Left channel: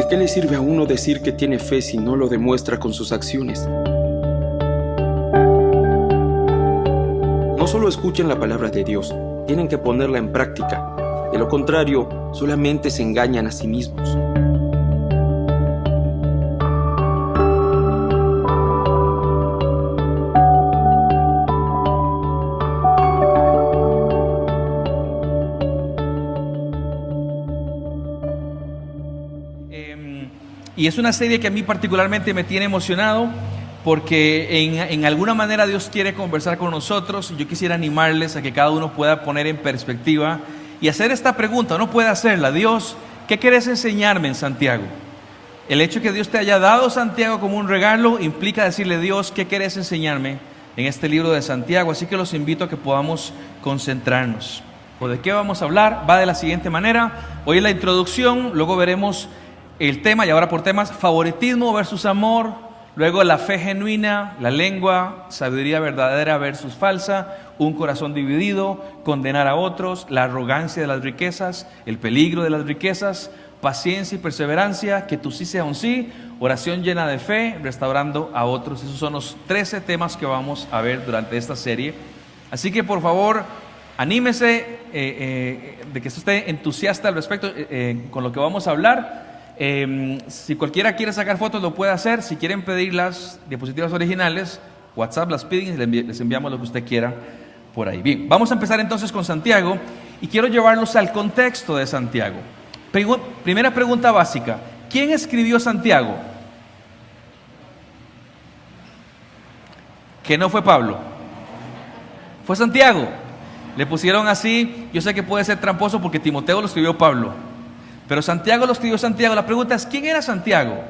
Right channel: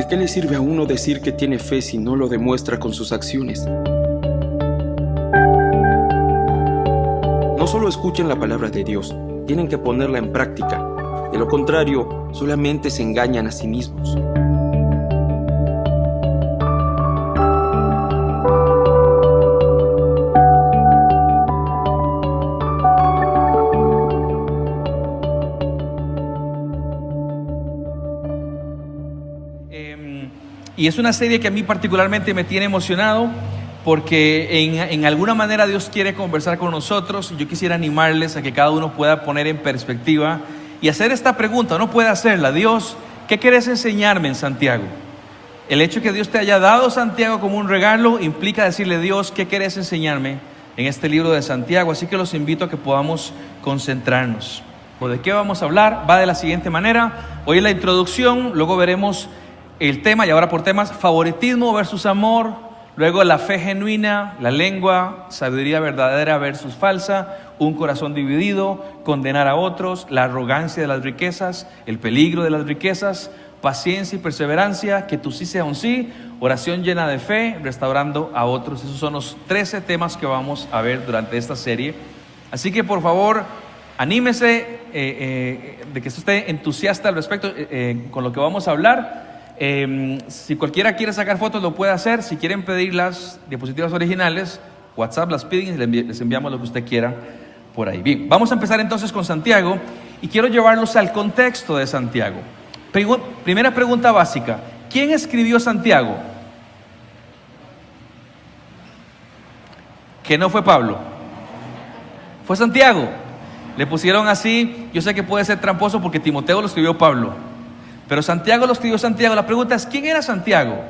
¿De qué le sirve a uno decir que tiene fe si no lo demuestra con sus acciones? No solo escuchen la palabra de Dios, tienen que ponerla en práctica. De lo contrario, solamente se engañan a sí mismos. Y es una serie que a mí particularmente me tiene emocionado porque en alguna manera Dios quiere conversar con nosotros. Yo quisiera animarles a que cada uno pueda poner en perspectiva y hacer esta pregunta. Uno puede hacerla: Dios, ¿qué quieres enseñarme en Santiago? El hecho de que Dios te haya dado Santiago como un regalo implica decirle: Dios, ¿qué quieres enseñarme en este libro de Santiago? Así que los invito a que podamos concentrarnos. ¿De qué vamos a hablar? Va de la siguiente manera. Hoy es la introducción, luego veremos el tema, y ahora por temas: favoritismo versus amor, luego la fe genuina, la lengua, sabiduría verdadera versus falsa, un corazón dividido, condenar a otros, la arrogancia de las riquezas, el peligro de las riquezas, paciencia y perseverancia, que tu sí sea un sí, oración llena de fe, restaurando a otros. Esos son los 13 temas que vamos a ver durante esta serie. Así que por favor, anímese de que esté entusiasta al respecto con lo que vamos a hablar. Si cualquiera quiere sacar fotos, lo puede hacer. Si quieren pedir las diapositivas originales, WhatsApp las piden y les enviamos lo que usted quiera por ahí. Bien, vamos a empezar entonces con Santiago y quiero llevarlos al contexto de Santiago. Primera pregunta básica: ¿quién escribió Santiago? Que no fue Pablo, fue Santiago. Le pusieron así, yo sé que puede ser tramposo porque Timoteo lo escribió Pablo, pero Santiago lo escribió Santiago. La pregunta es: ¿quién era Santiago?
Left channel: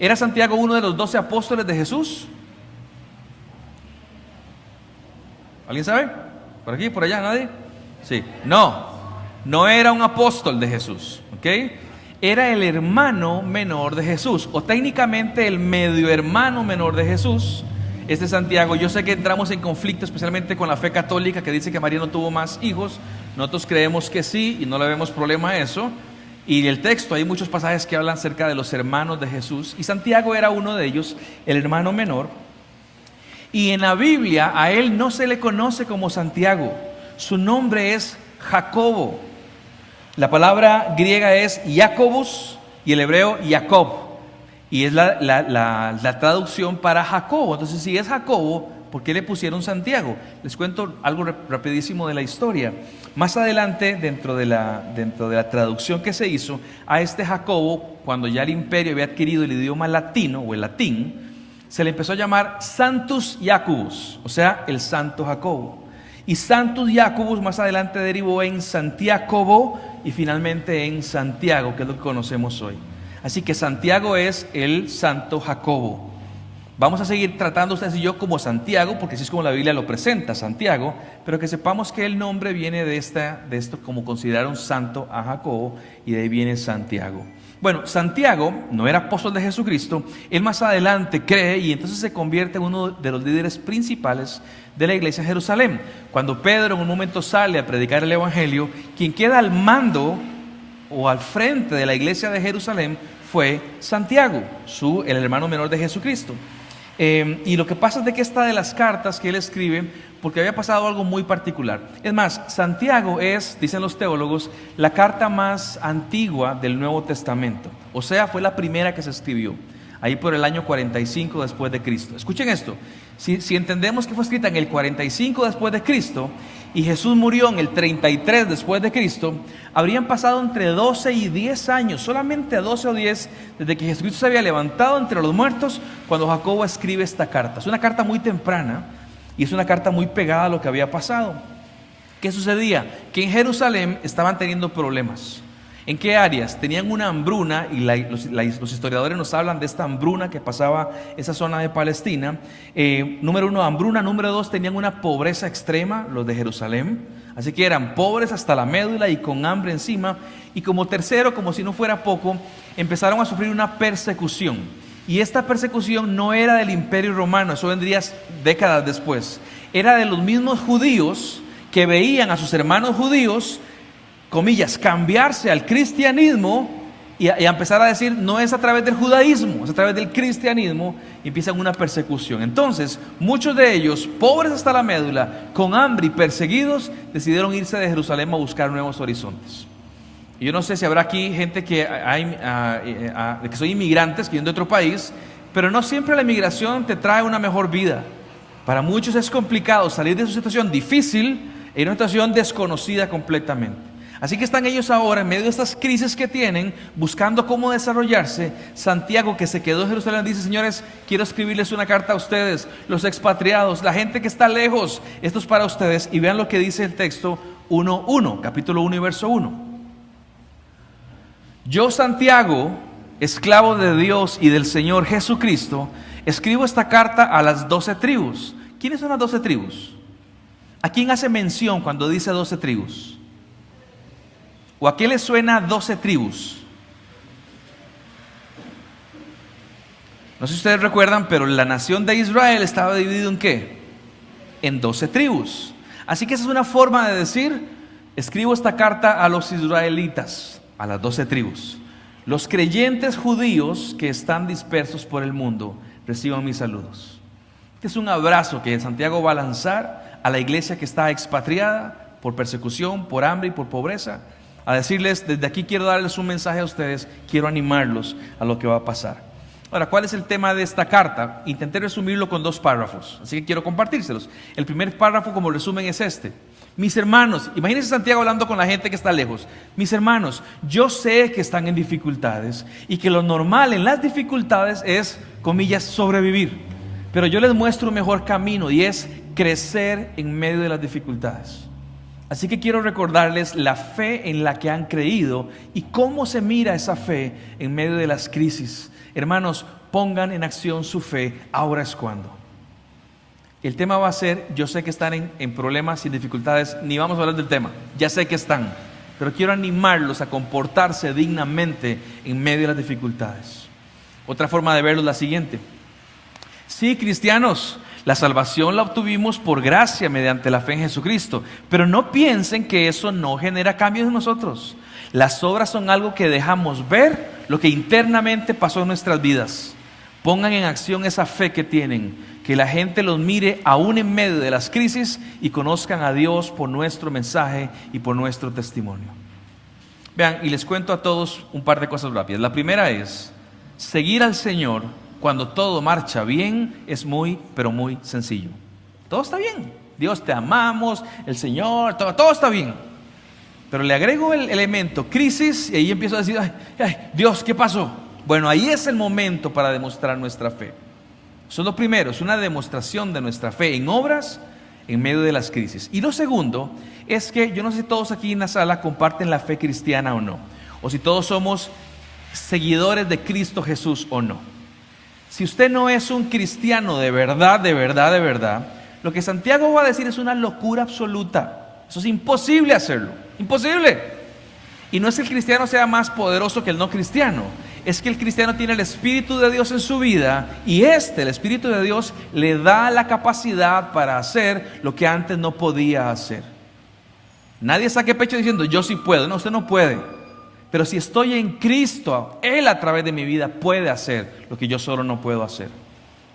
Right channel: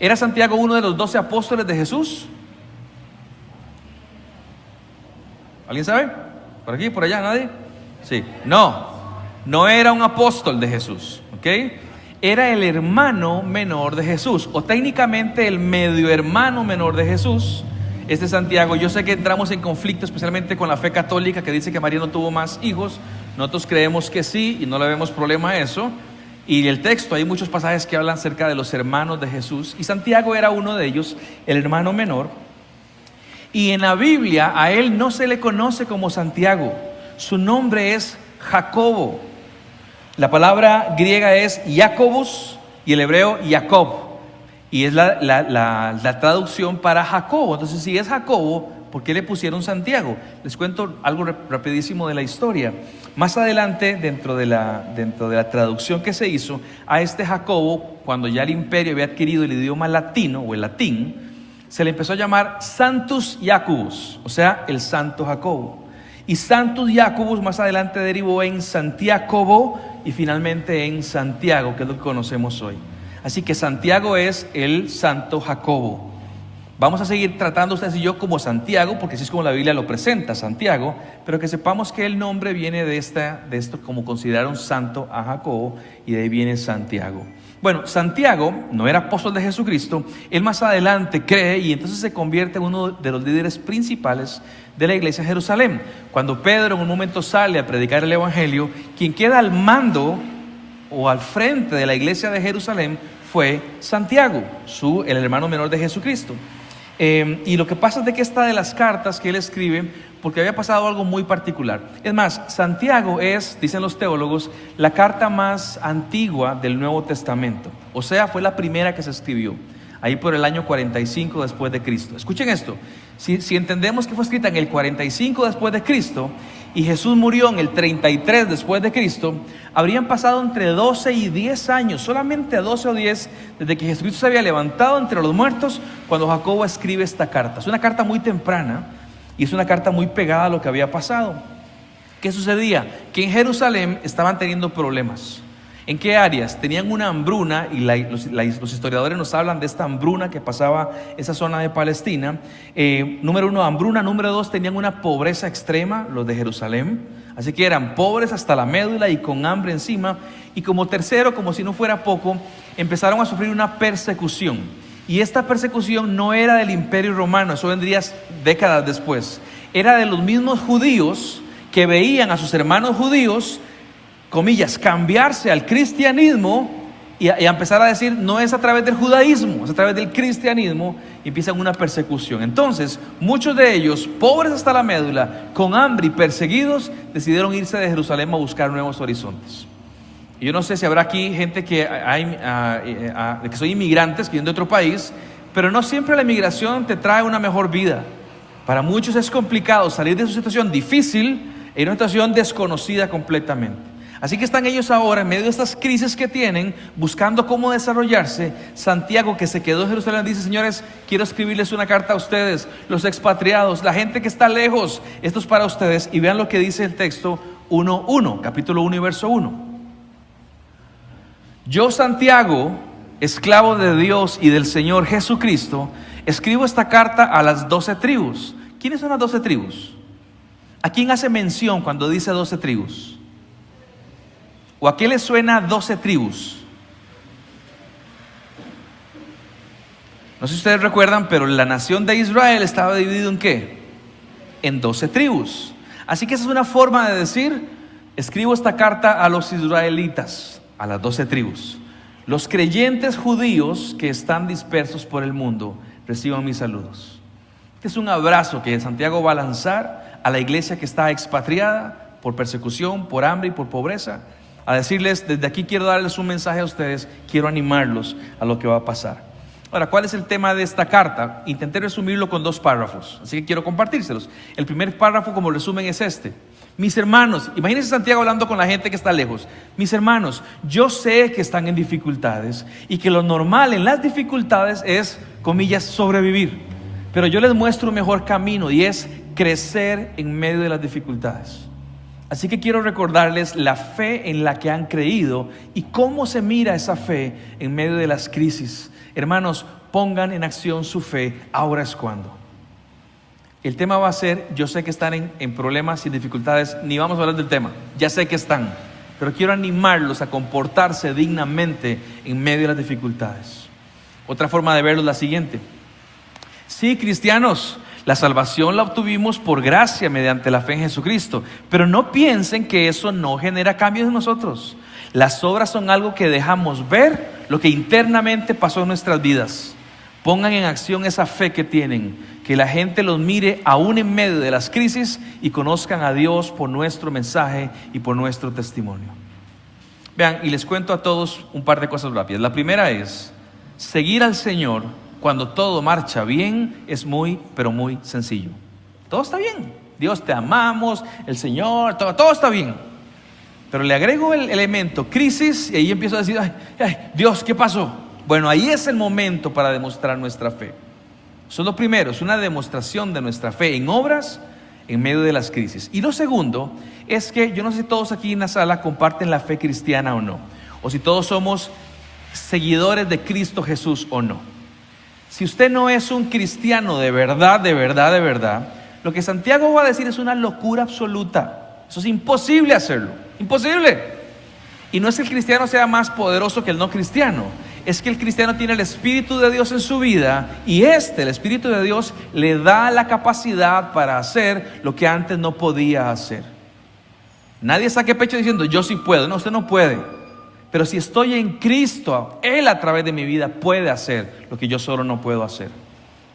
¿Era Santiago uno de los 12 apóstoles de Jesús? ¿Alguien sabe? ¿Por aquí? ¿Por allá? ¿Nadie? Sí. No era un apóstol de Jesús, ¿ok? Era el hermano menor de Jesús, o técnicamente el medio hermano menor de Jesús. Este Santiago, yo sé que entramos en conflicto especialmente con la fe católica, que dice que María no tuvo más hijos. Nosotros creemos que sí y no le vemos problema a eso. Y el texto, hay muchos pasajes que hablan acerca de los hermanos de Jesús, y Santiago era uno de ellos, el hermano menor. Y en la Biblia a él no se le conoce como Santiago, su nombre es Jacobo. La palabra griega es Jacobus y el hebreo Jacob, y es la traducción para Jacobo. Entonces, si es Jacobo, ¿por qué le pusieron Santiago? Les cuento algo rapidísimo de la historia. Más adelante, dentro de la traducción que se hizo a este Jacobo, cuando ya el imperio había adquirido el idioma latino o el latín, se le empezó a llamar Santus Jacobus, o sea, el Santo Jacobo. Y Santus Jacobus más adelante derivó en Santiago y finalmente en Santiago, que es lo que conocemos hoy. Así que Santiago es el Santo Jacobo. Vamos a seguir tratando ustedes y yo como Santiago, porque así es como la Biblia lo presenta, Santiago, pero que sepamos que el nombre viene de esto, como considerar un santo a Jacobo, y de ahí viene Santiago. Bueno, Santiago no era apóstol de Jesucristo. Él más adelante cree y entonces se convierte en uno de los líderes principales de la iglesia de Jerusalén. Cuando Pedro en un momento sale a predicar el evangelio, quien queda al mando o al frente de la iglesia de Jerusalén fue Santiago, el hermano menor de Jesucristo. Y lo que pasa es de que esta de las cartas que él escribe, porque había pasado algo muy particular. Es más, Santiago es, dicen los teólogos, la carta más antigua del Nuevo Testamento. O sea, fue la primera que se escribió, ahí por el año 45 después de Cristo. Escuchen esto: si entendemos que fue escrita en el 45 después de Cristo y Jesús murió en el 33 después de Cristo, habrían pasado entre 12 y 10 años, solamente 12 o 10, desde que Jesucristo se había levantado entre los muertos, cuando Jacobo escribe esta carta. Es una carta muy temprana y es una carta muy pegada a lo que había pasado. ¿Qué sucedía? Que en Jerusalén estaban teniendo problemas. ¿En qué áreas? Tenían una hambruna, y los historiadores nos hablan de esta hambruna que pasaba esa zona de Palestina. Número 1, hambruna. Número 2, tenían una pobreza extrema, los de Jerusalén. Así que eran pobres hasta la médula y con hambre encima. Y como tercero, como si no fuera poco, empezaron a sufrir una persecución. Y esta persecución no era del Imperio Romano, eso vendría décadas después. Era de los mismos judíos que veían a sus hermanos judíos, comillas, cambiarse al cristianismo y a empezar a decir, no es a través del judaísmo, es a través del cristianismo, y empiezan una persecución. Entonces, muchos de ellos, pobres hasta la médula, con hambre y perseguidos, decidieron irse de Jerusalén a buscar nuevos horizontes. Y yo no sé si habrá aquí gente que son inmigrantes, que vienen de otro país, pero no siempre la inmigración te trae una mejor vida. Para muchos es complicado salir de su situación difícil en una situación desconocida completamente. Así que están ellos ahora en medio de estas crisis que tienen, buscando cómo desarrollarse. Santiago, que se quedó en Jerusalén, dice: señores, quiero escribirles una carta a ustedes, los expatriados, la gente que está lejos, esto es para ustedes. Y vean lo que dice el texto 1:1, capítulo 1 y verso 1. Yo, Santiago, esclavo de Dios y del Señor Jesucristo, escribo esta carta a las 12 tribus. ¿Quiénes son las 12 tribus? ¿A quién hace mención cuando dice 12 tribus? ¿O a qué le suena 12 tribus? No sé si ustedes recuerdan, pero la nación de Israel estaba dividida ¿en qué? En 12 tribus. Así que esa es una forma de decir: escribo esta carta a los israelitas, a las 12 tribus. Los creyentes judíos que están dispersos por el mundo, reciban mis saludos. Este es un abrazo que Santiago va a lanzar a la iglesia que está expatriada por persecución, por hambre y por pobreza. A decirles: desde aquí quiero darles un mensaje a ustedes, quiero animarlos a lo que va a pasar. Ahora, ¿cuál es el tema de esta carta? Intenté resumirlo con 2 párrafos, así que quiero compartírselos. El primer párrafo como resumen es este: mis hermanos, imagínense Santiago hablando con la gente que está lejos. Mis hermanos, yo sé que están en dificultades y que lo normal en las dificultades es, comillas, sobrevivir. Pero yo les muestro un mejor camino, y es crecer en medio de las dificultades. Así que quiero recordarles la fe en la que han creído y cómo se mira esa fe en medio de las crisis. Hermanos, pongan en acción su fe, ahora es cuando. El tema va a ser, yo sé que están en problemas y dificultades, ni vamos a hablar del tema, ya sé que están, pero quiero animarlos a comportarse dignamente en medio de las dificultades. Otra forma de verlo es la siguiente: sí, cristianos, la salvación la obtuvimos por gracia mediante la fe en Jesucristo, pero no piensen que eso no genera cambios en nosotros. Las obras son algo que dejamos ver lo que internamente pasó en nuestras vidas. Pongan en acción esa fe que tienen, que la gente los mire aún en medio de las crisis y conozcan a Dios por nuestro mensaje y por nuestro testimonio. Vean, y les cuento a todos un par de cosas rápidas. La primera es: seguir al Señor cuando todo marcha bien es muy, pero muy sencillo. Todo está bien, Dios te amamos, el Señor, todo está bien. Pero le agrego el elemento crisis y ahí empiezo a decir: ay, Dios, ¿qué pasó? Bueno, ahí es el momento para demostrar nuestra fe. Eso es lo primero, es una demostración de nuestra fe en obras en medio de las crisis. Y lo segundo es que yo no sé si todos aquí en la sala comparten la fe cristiana o no, o si todos somos seguidores de Cristo Jesús o no. Si usted no es un cristiano de verdad, lo que Santiago va a decir es una locura absoluta. Eso es imposible hacerlo, imposible. Y no es que el cristiano sea más poderoso que el no cristiano, es que el cristiano tiene el Espíritu de Dios en su vida, y el Espíritu de Dios le da la capacidad para hacer lo que antes no podía hacer. Nadie saque pecho diciendo: yo sí puedo. No, usted no puede. Pero si estoy en Cristo, Él a través de mi vida puede hacer lo que yo solo no puedo hacer.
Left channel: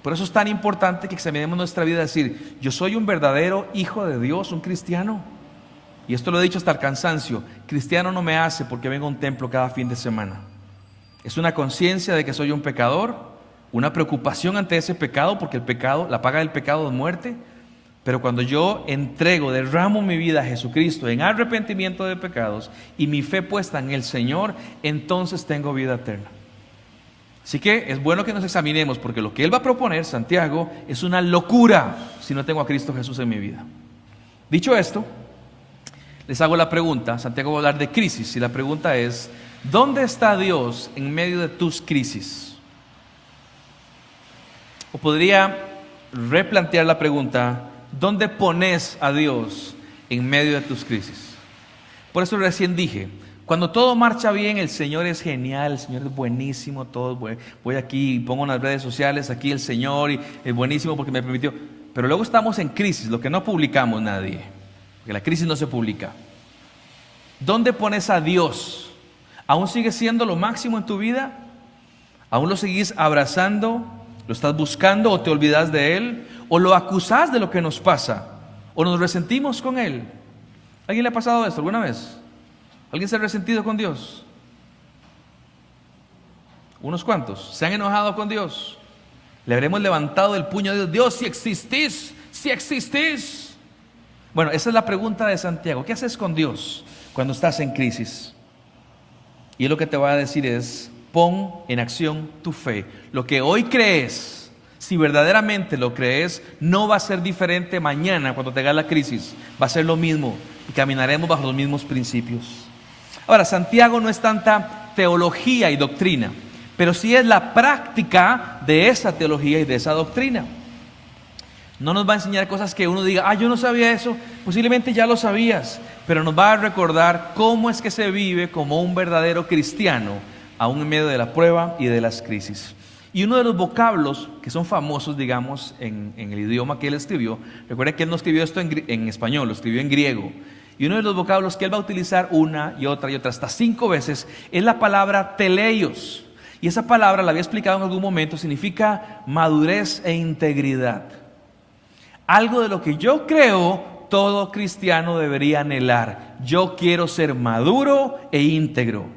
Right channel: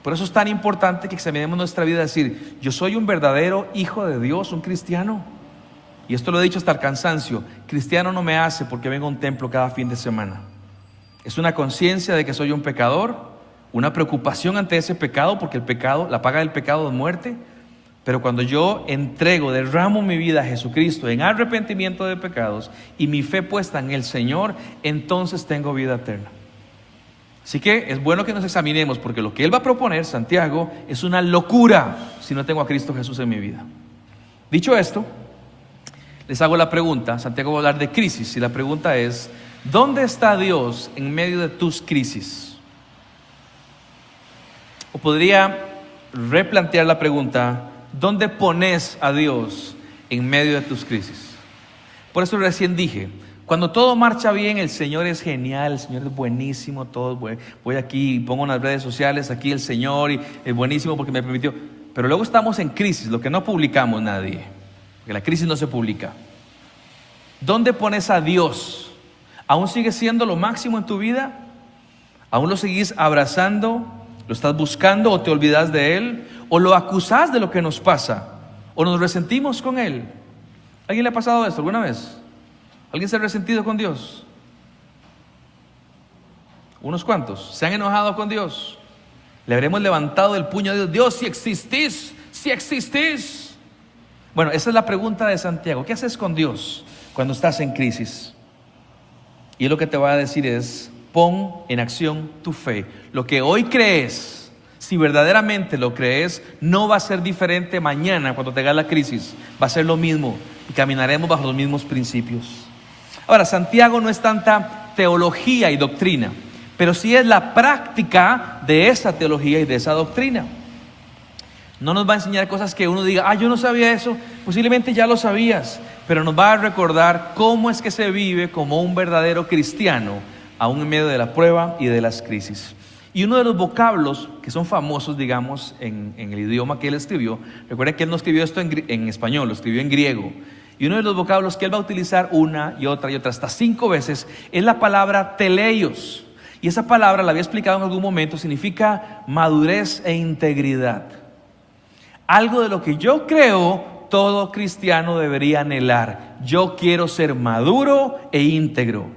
Por eso es tan importante que examinemos nuestra vida y decir: yo soy un verdadero hijo de Dios, un cristiano. Y esto lo he dicho hasta el cansancio: cristiano no me hace porque vengo a un templo cada fin de semana. Es una conciencia de que soy un pecador, una preocupación ante ese pecado, porque el pecado, la paga del pecado es muerte. Pero cuando yo derramo mi vida a Jesucristo en arrepentimiento de pecados y mi fe puesta en el Señor, entonces tengo vida eterna. Así que es bueno que nos examinemos, porque lo que Él va a proponer, Santiago, es una locura si no tengo a Cristo Jesús en mi vida. Dicho esto, les hago la pregunta. Santiago va a hablar de crisis y la pregunta es: ¿dónde está Dios en medio de tus crisis? O podría replantear la pregunta: ¿dónde pones a Dios en medio de tus crisis? Por eso recién dije, cuando todo marcha bien, el Señor es genial, el Señor es buenísimo, voy aquí y pongo en las redes sociales, aquí el Señor, y es buenísimo porque me permitió. Pero luego estamos en crisis, lo que no publicamos nadie, que la crisis no se publica. ¿Dónde pones a Dios? ¿Aún sigue siendo lo máximo en tu vida? ¿Aún lo seguís abrazando? ¿Lo estás buscando o te olvidas de Él? ¿O lo acusás de lo que nos pasa? ¿O nos resentimos con Él? ¿A alguien le ha pasado esto alguna vez? ¿Alguien se ha resentido con Dios? Unos cuantos. ¿Se han enojado con Dios? ¿Le habremos levantado el puño a Dios? Dios, si existís, si existís. Bueno, esa es la pregunta de Santiago. ¿Qué haces con Dios cuando estás en crisis? Y lo que te va a decir es: pon en acción tu fe. Lo que hoy crees, si verdaderamente lo crees, no va a ser diferente mañana cuando te haga la crisis. Va a ser lo mismo y caminaremos bajo los mismos principios. Ahora, Santiago no es tanta teología y doctrina, pero sí es la práctica de esa teología y de esa doctrina. No nos va a enseñar cosas que uno diga: yo no sabía eso. Posiblemente ya lo sabías, pero nos va a recordar cómo es que se vive como un verdadero cristiano, aún en medio de la prueba y de las crisis. Y uno de los vocablos que son famosos, digamos, en el idioma que él escribió, recuerden que él no escribió esto en español, lo escribió en griego. Y uno de los vocablos que él va a utilizar una y otra, hasta 5 veces, es la palabra teleios. Y esa palabra, la había explicado en algún momento, significa madurez e integridad. Algo de lo que yo creo todo cristiano debería anhelar. Yo quiero ser maduro e íntegro.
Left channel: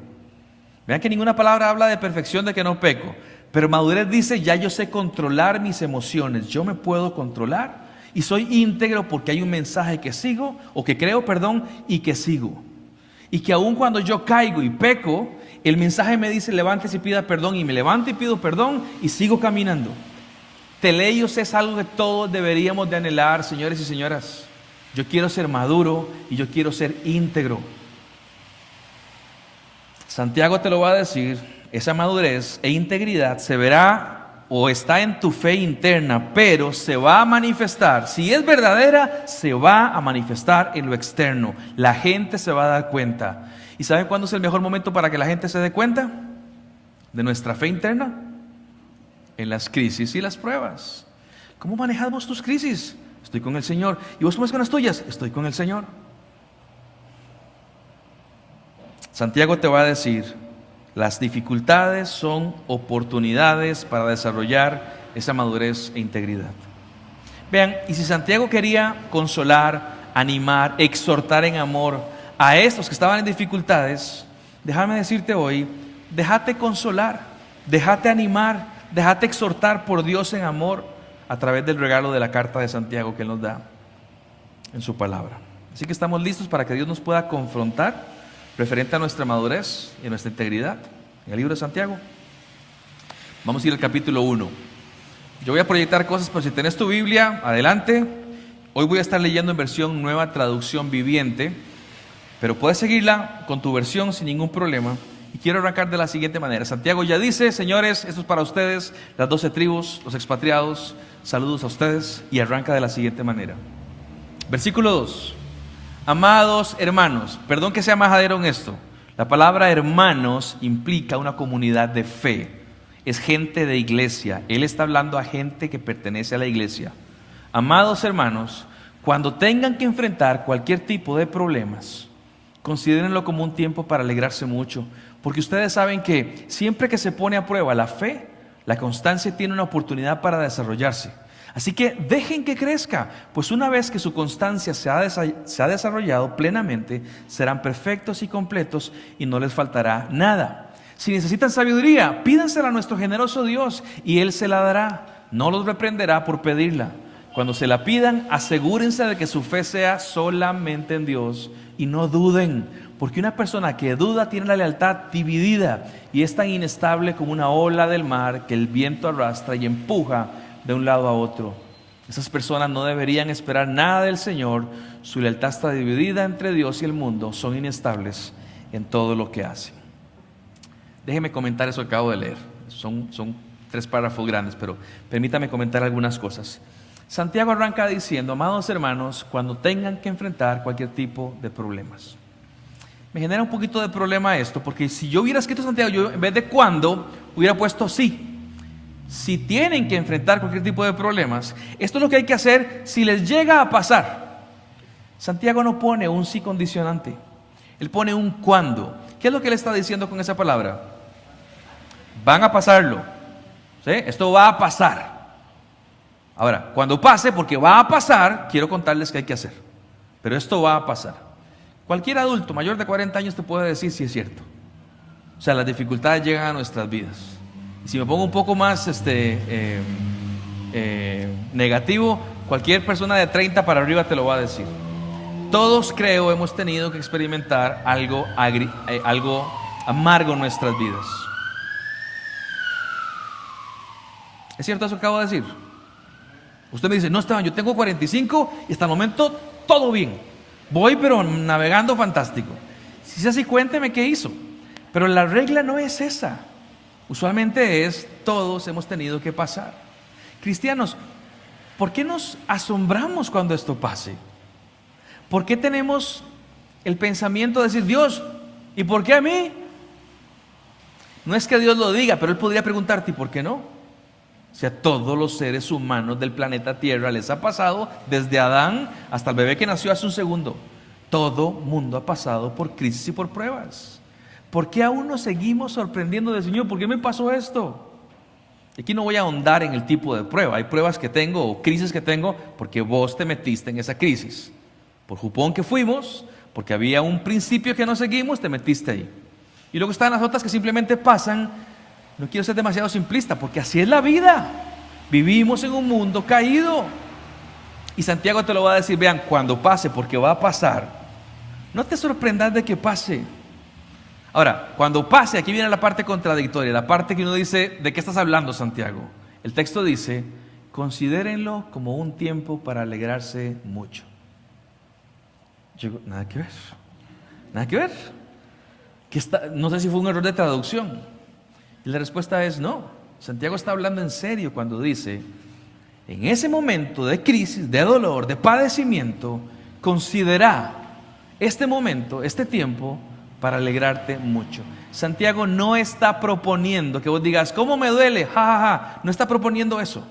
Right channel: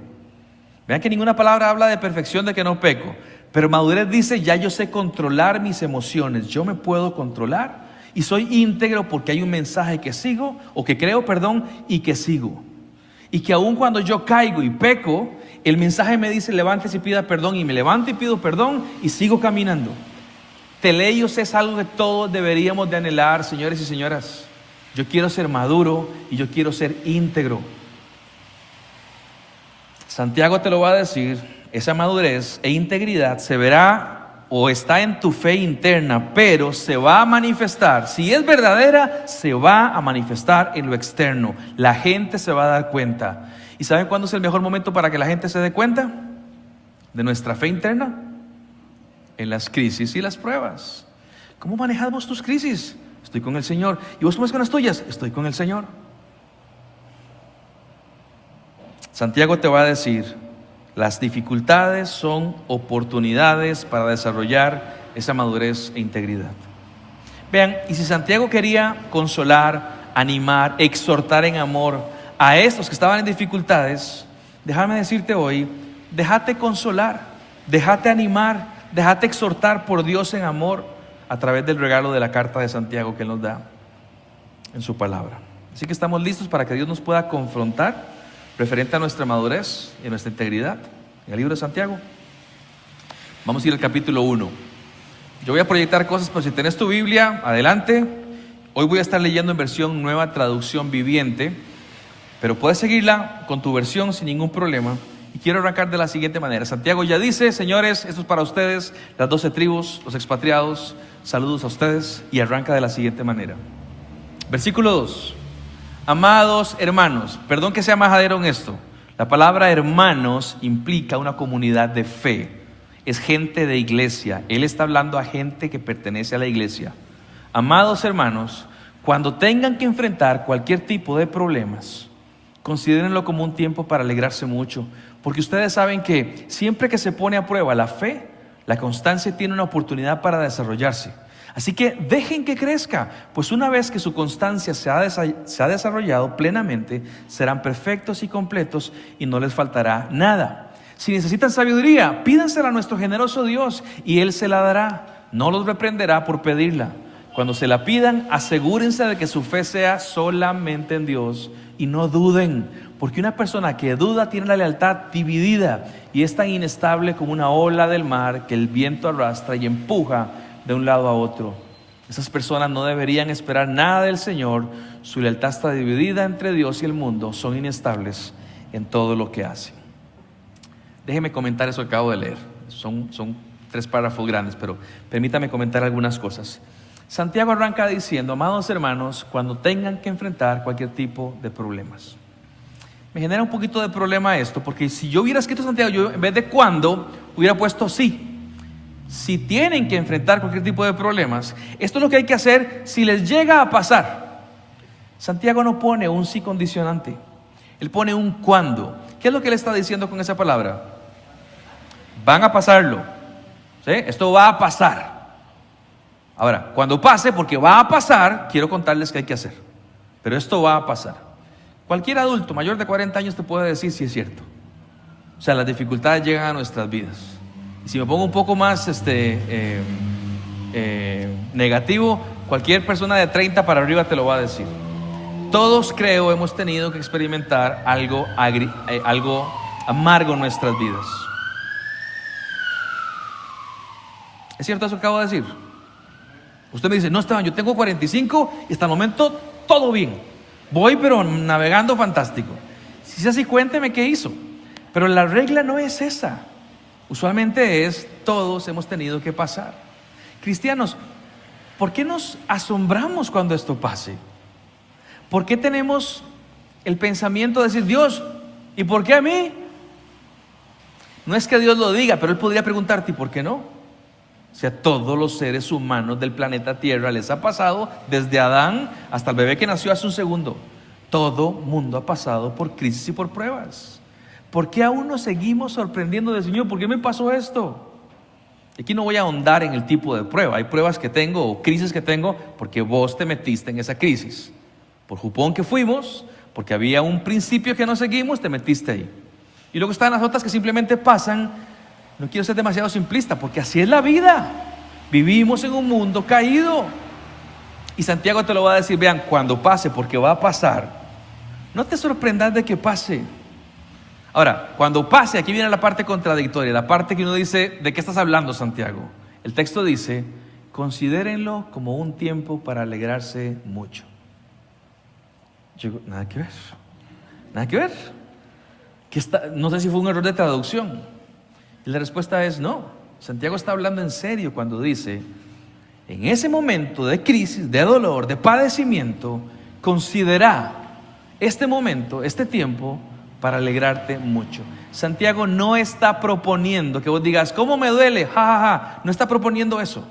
Vean que ninguna palabra habla de perfección, de que no peco. Pero madurez dice: ya yo sé controlar mis emociones. Yo me puedo controlar y soy íntegro porque hay un mensaje que sigo, o que creo, y que sigo. Y que aun cuando yo caigo y peco, el mensaje me dice: levántese y pida perdón. Y me levanto y pido perdón y sigo caminando. Teleios es algo que todos deberíamos de anhelar, señores y señoras. Yo quiero ser maduro y yo quiero ser íntegro. Santiago te lo va a decir: esa madurez e integridad se verá o está en tu fe interna, pero se va a manifestar. Si es verdadera, se va a manifestar en lo externo. La gente se va a dar cuenta. ¿Y saben cuándo es el mejor momento para que la gente se dé cuenta de nuestra fe interna? En las crisis y las pruebas. ¿Cómo manejamos tus crisis? Estoy con el Señor. ¿Y vos cómo es con las tuyas? Estoy con el Señor. Santiago te va a decir: las dificultades son oportunidades para desarrollar esa madurez e integridad. Vean, y si Santiago quería consolar, animar, exhortar en amor a estos que estaban en dificultades, déjame decirte hoy: déjate consolar, déjate animar, déjate exhortar por Dios en amor a través del regalo de la carta de Santiago que Él nos da en su palabra. Así que estamos listos para que Dios nos pueda confrontar referente a nuestra madurez y a nuestra integridad en el libro de Santiago. Vamos a ir al capítulo 1. Yo voy a proyectar cosas, pero si tenés tu Biblia, adelante. Hoy voy a estar leyendo en versión Nueva Traducción Viviente, pero puedes seguirla con tu versión sin ningún problema. Y quiero arrancar de la siguiente manera. Santiago ya dice: señores, esto es para ustedes, las 12 tribus, los expatriados, saludos a ustedes. Y arranca de la siguiente manera. Versículo 2. Amados hermanos, perdón que sea majadero en esto. La palabra hermanos implica una comunidad de fe. Es gente de iglesia. Él está hablando a gente que pertenece a la iglesia. Amados hermanos, cuando tengan que enfrentar cualquier tipo de problemas, considérenlo como un tiempo para alegrarse mucho, porque ustedes saben que siempre que se pone a prueba la fe, la constancia tiene una oportunidad para desarrollarse. Así que dejen que crezca, pues una vez que su constancia se ha desarrollado plenamente, serán perfectos y completos y no les faltará nada. Si necesitan sabiduría, pídansela a nuestro generoso Dios y Él se la dará. No los reprenderá por pedirla. Cuando se la pidan, asegúrense de que su fe sea solamente en Dios y no duden, porque una persona que duda tiene la lealtad dividida y es tan inestable como una ola del mar que el viento arrastra y empuja de un lado a otro. Esas personas no deberían esperar nada del Señor. Su lealtad está dividida entre Dios y el mundo. Son inestables en todo lo que hacen. Déjeme comentar eso que acabo de leer. Son 3 párrafos grandes, pero permítame comentar algunas cosas. Santiago arranca diciendo: amados hermanos, cuando tengan que enfrentar cualquier tipo de problemas. Me genera un poquito de problema esto, porque si yo hubiera escrito Santiago, yo en vez de cuando, hubiera puesto sí. Si tienen que enfrentar cualquier tipo de problemas, esto es lo que hay que hacer si les llega a pasar. Santiago no pone un sí condicionante. Él pone un cuándo. ¿Qué es lo que él está diciendo con esa palabra? Van a pasarlo. ¿Sí? Esto va a pasar. Ahora, cuando pase, porque va a pasar, quiero contarles qué hay que hacer. Pero esto va a pasar. Cualquier adulto mayor de 40 años te puede decir si es cierto. O sea, las dificultades llegan a nuestras vidas. Y si me pongo un poco más negativo, cualquier persona de 30 para arriba te lo va a decir. Todos, creo, hemos tenido que experimentar algo amargo en nuestras vidas. ¿Es cierto eso que acabo de decir? Usted me dice, no, Esteban, yo tengo 45 y hasta el momento todo bien. Voy pero navegando fantástico. Si es así, cuénteme qué hizo. Pero la regla no es esa. Usualmente es, todos hemos tenido que pasar. Cristianos, ¿por qué nos asombramos cuando esto pase? ¿Por qué tenemos el pensamiento de decir, Dios, ¿y por qué a mí? No es que Dios lo diga, pero Él podría preguntarte, ¿y por qué no? O sea, todos los seres humanos del planeta Tierra les ha pasado, desde Adán hasta el bebé que nació hace un segundo. Todo mundo ha pasado por crisis y por pruebas. ¿Por qué aún nos seguimos sorprendiendo del Señor? ¿Por qué me pasó esto? Aquí no voy a ahondar en el tipo de prueba. Hay pruebas que tengo o crisis que tengo porque vos te metiste en esa crisis. Por jupón que fuimos, porque había un principio que no seguimos, te metiste ahí. Y luego están las otras que simplemente pasan. No quiero ser demasiado simplista, porque así es la vida. Vivimos en un mundo caído. Y Santiago te lo va a decir, vean, cuando pase, porque va a pasar, no te sorprendas de que pase. Ahora, cuando pase, aquí viene la parte contradictoria, la parte que uno dice, ¿de qué estás hablando, Santiago? El texto dice, considérenlo como un tiempo para alegrarse mucho. Yo digo, nada que ver, nada que ver. No sé si fue un error de traducción. Y la respuesta es no. Santiago está hablando en serio cuando dice, en ese momento de crisis, de dolor, de padecimiento, considera este momento, este tiempo, para alegrarte mucho. Santiago no está proponiendo que vos digas, ¿cómo me duele? Ja, ja, ja. No está proponiendo eso.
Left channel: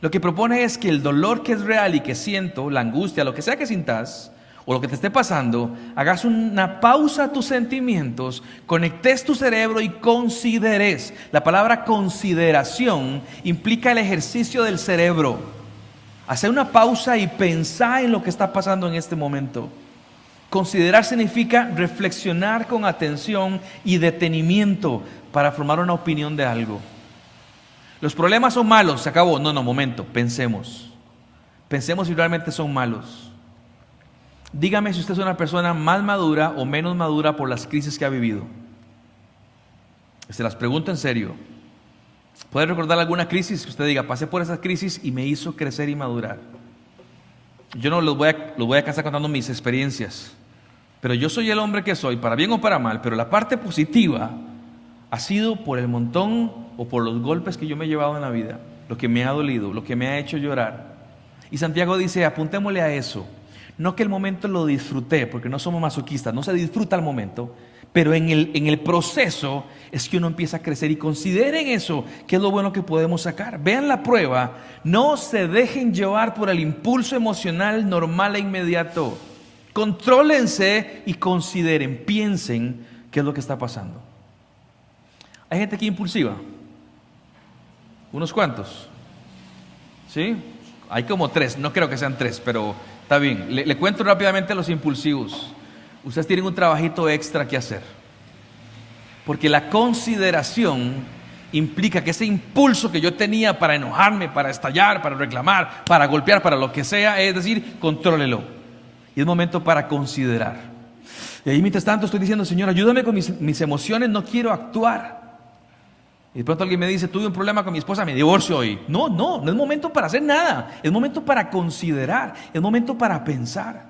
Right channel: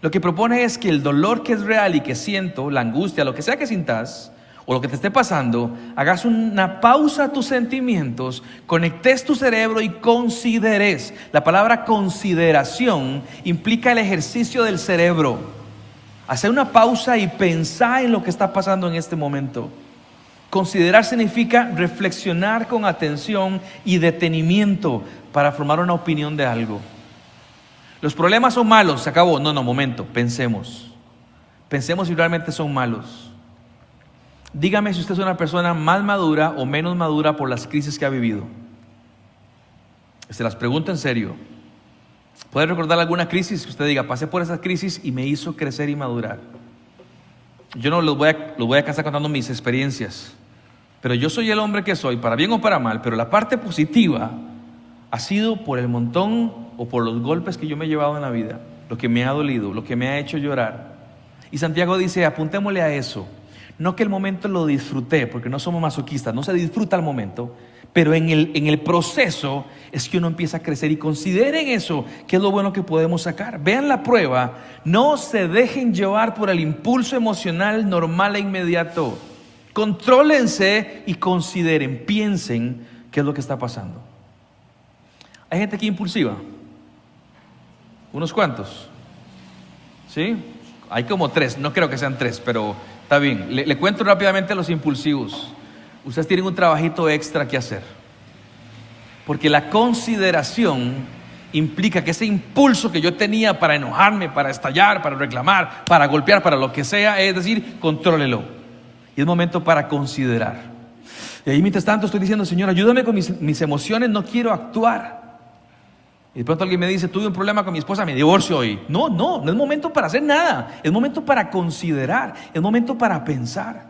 Lo que propone es que el dolor que es real y que siento, la angustia, lo que sea que sintas, o lo que te esté pasando, hagas una pausa a tus sentimientos, conectes tu cerebro y consideres. La palabra consideración implica el ejercicio del cerebro. Hacer una pausa y pensar en lo que está pasando en este momento. Considerar significa reflexionar con atención y detenimiento para formar una opinión de algo. Los problemas son malos, se acabó. No, momento, pensemos. Pensemos si realmente son malos. Dígame si usted es una persona más madura o menos madura por las crisis que ha vivido. Se las pregunto en serio. ¿Puede recordar alguna crisis que usted diga, pasé por esa crisis y me hizo crecer y madurar? Yo no los voy a cansar contando mis experiencias, pero yo soy el hombre que soy, para bien o para mal, pero la parte positiva ha sido por el montón o por los golpes que yo me he llevado en la vida, lo que me ha dolido, lo que me ha hecho llorar. Y Santiago dice, apuntémosle a eso. No que el momento lo disfruté, porque no somos masoquistas, no se disfruta el momento, pero en el proceso es que uno empieza a crecer y consideren eso, que es lo bueno que podemos sacar. Vean la prueba, no se dejen llevar por el impulso emocional normal e inmediato. Contrólense y consideren, piensen qué es lo que está pasando. Hay gente aquí impulsiva, unos cuantos, ¿sí? Hay como 3, no creo que sean 3, pero está bien. Le cuento rápidamente a los impulsivos. Ustedes tienen un trabajito extra que hacer. Porque la consideración implica que ese impulso que yo tenía para enojarme, para estallar, para reclamar, para golpear, para lo que sea, es decir, contrólelo. Y es momento para considerar. Y ahí mientras tanto estoy diciendo, Señor, ayúdame con mis emociones, no quiero actuar. Y de pronto alguien me dice, tuve un problema con mi esposa, me divorcio hoy. No es momento para hacer nada. Es momento para considerar, es momento para pensar.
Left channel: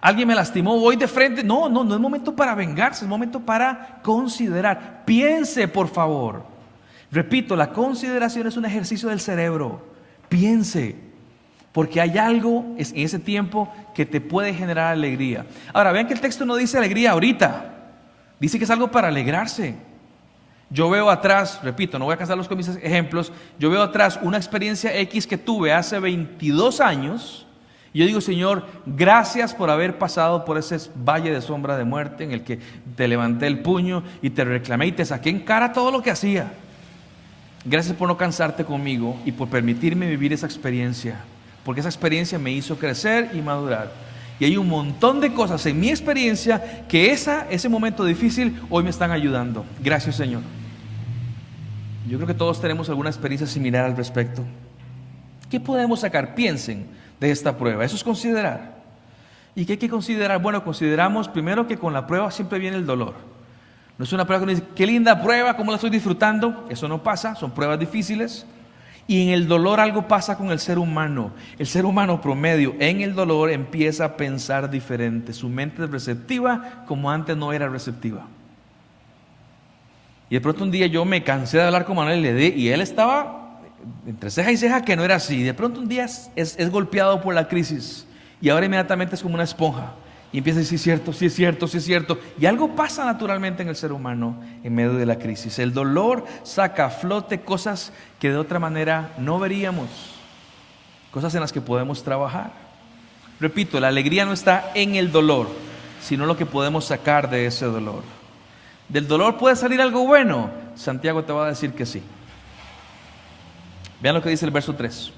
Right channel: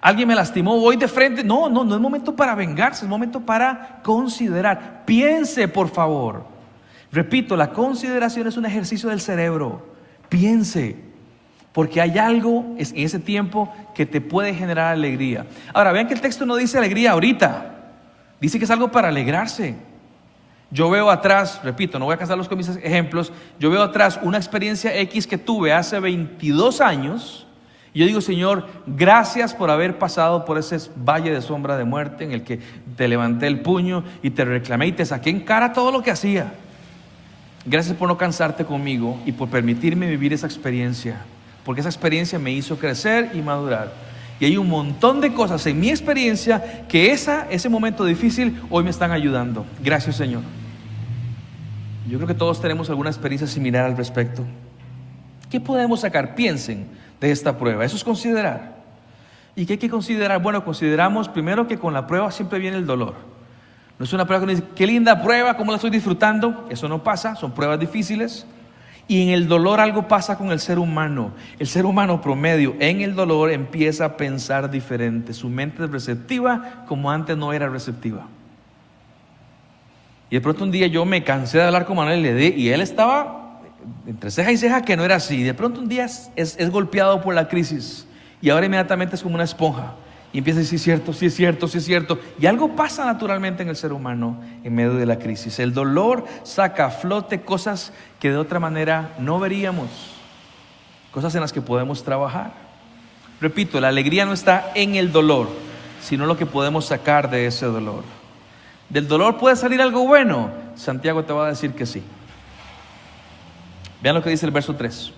Alguien me lastimó, voy de frente. No es momento para vengarse, es momento para considerar. Piense, por favor. Repito, la consideración es un ejercicio del cerebro. Piense, porque hay algo en ese tiempo que te puede generar alegría. Ahora, vean que el texto no dice alegría ahorita. Dice que es algo para alegrarse. Yo veo atrás, repito, no voy a cansarlos con mis ejemplos, yo veo atrás una experiencia X que tuve hace 22 años Y yo digo, Señor, gracias por haber pasado por ese valle de sombra de muerte en el que te levanté el puño y te reclamé y te saqué en cara todo lo que hacía. Gracias por no cansarte conmigo y por permitirme vivir esa experiencia, porque esa experiencia me hizo crecer y madurar. Y hay un montón de cosas en mi experiencia que ese momento difícil hoy me están ayudando. Gracias, Señor. Yo creo que todos tenemos alguna experiencia similar al respecto. ¿Qué podemos sacar? Piensen de esta prueba. Eso es considerar. ¿Y qué hay que considerar? Bueno, consideramos primero que con la prueba siempre viene el dolor. No es una prueba que uno dice, qué linda prueba, cómo la estoy disfrutando. Eso no pasa, son pruebas difíciles. Y en el dolor algo pasa con el ser humano. El ser humano promedio en el dolor empieza a pensar diferente. Su mente es receptiva como antes no era receptiva. Y de pronto un día yo me cansé de hablar con Manuel y él estaba entre ceja y ceja que no era así. De pronto un día es golpeado por la crisis y ahora inmediatamente es como una esponja y empieza a decir sí es cierto. Y algo pasa naturalmente en el ser humano en medio de la crisis. El dolor saca a flote cosas que de otra manera no veríamos, cosas en las que podemos trabajar. Repito, la alegría no está en el dolor, sino lo que podemos sacar de ese dolor. ¿Del dolor puede salir algo bueno? Santiago te va a decir que sí. Vean lo que dice el verso 3.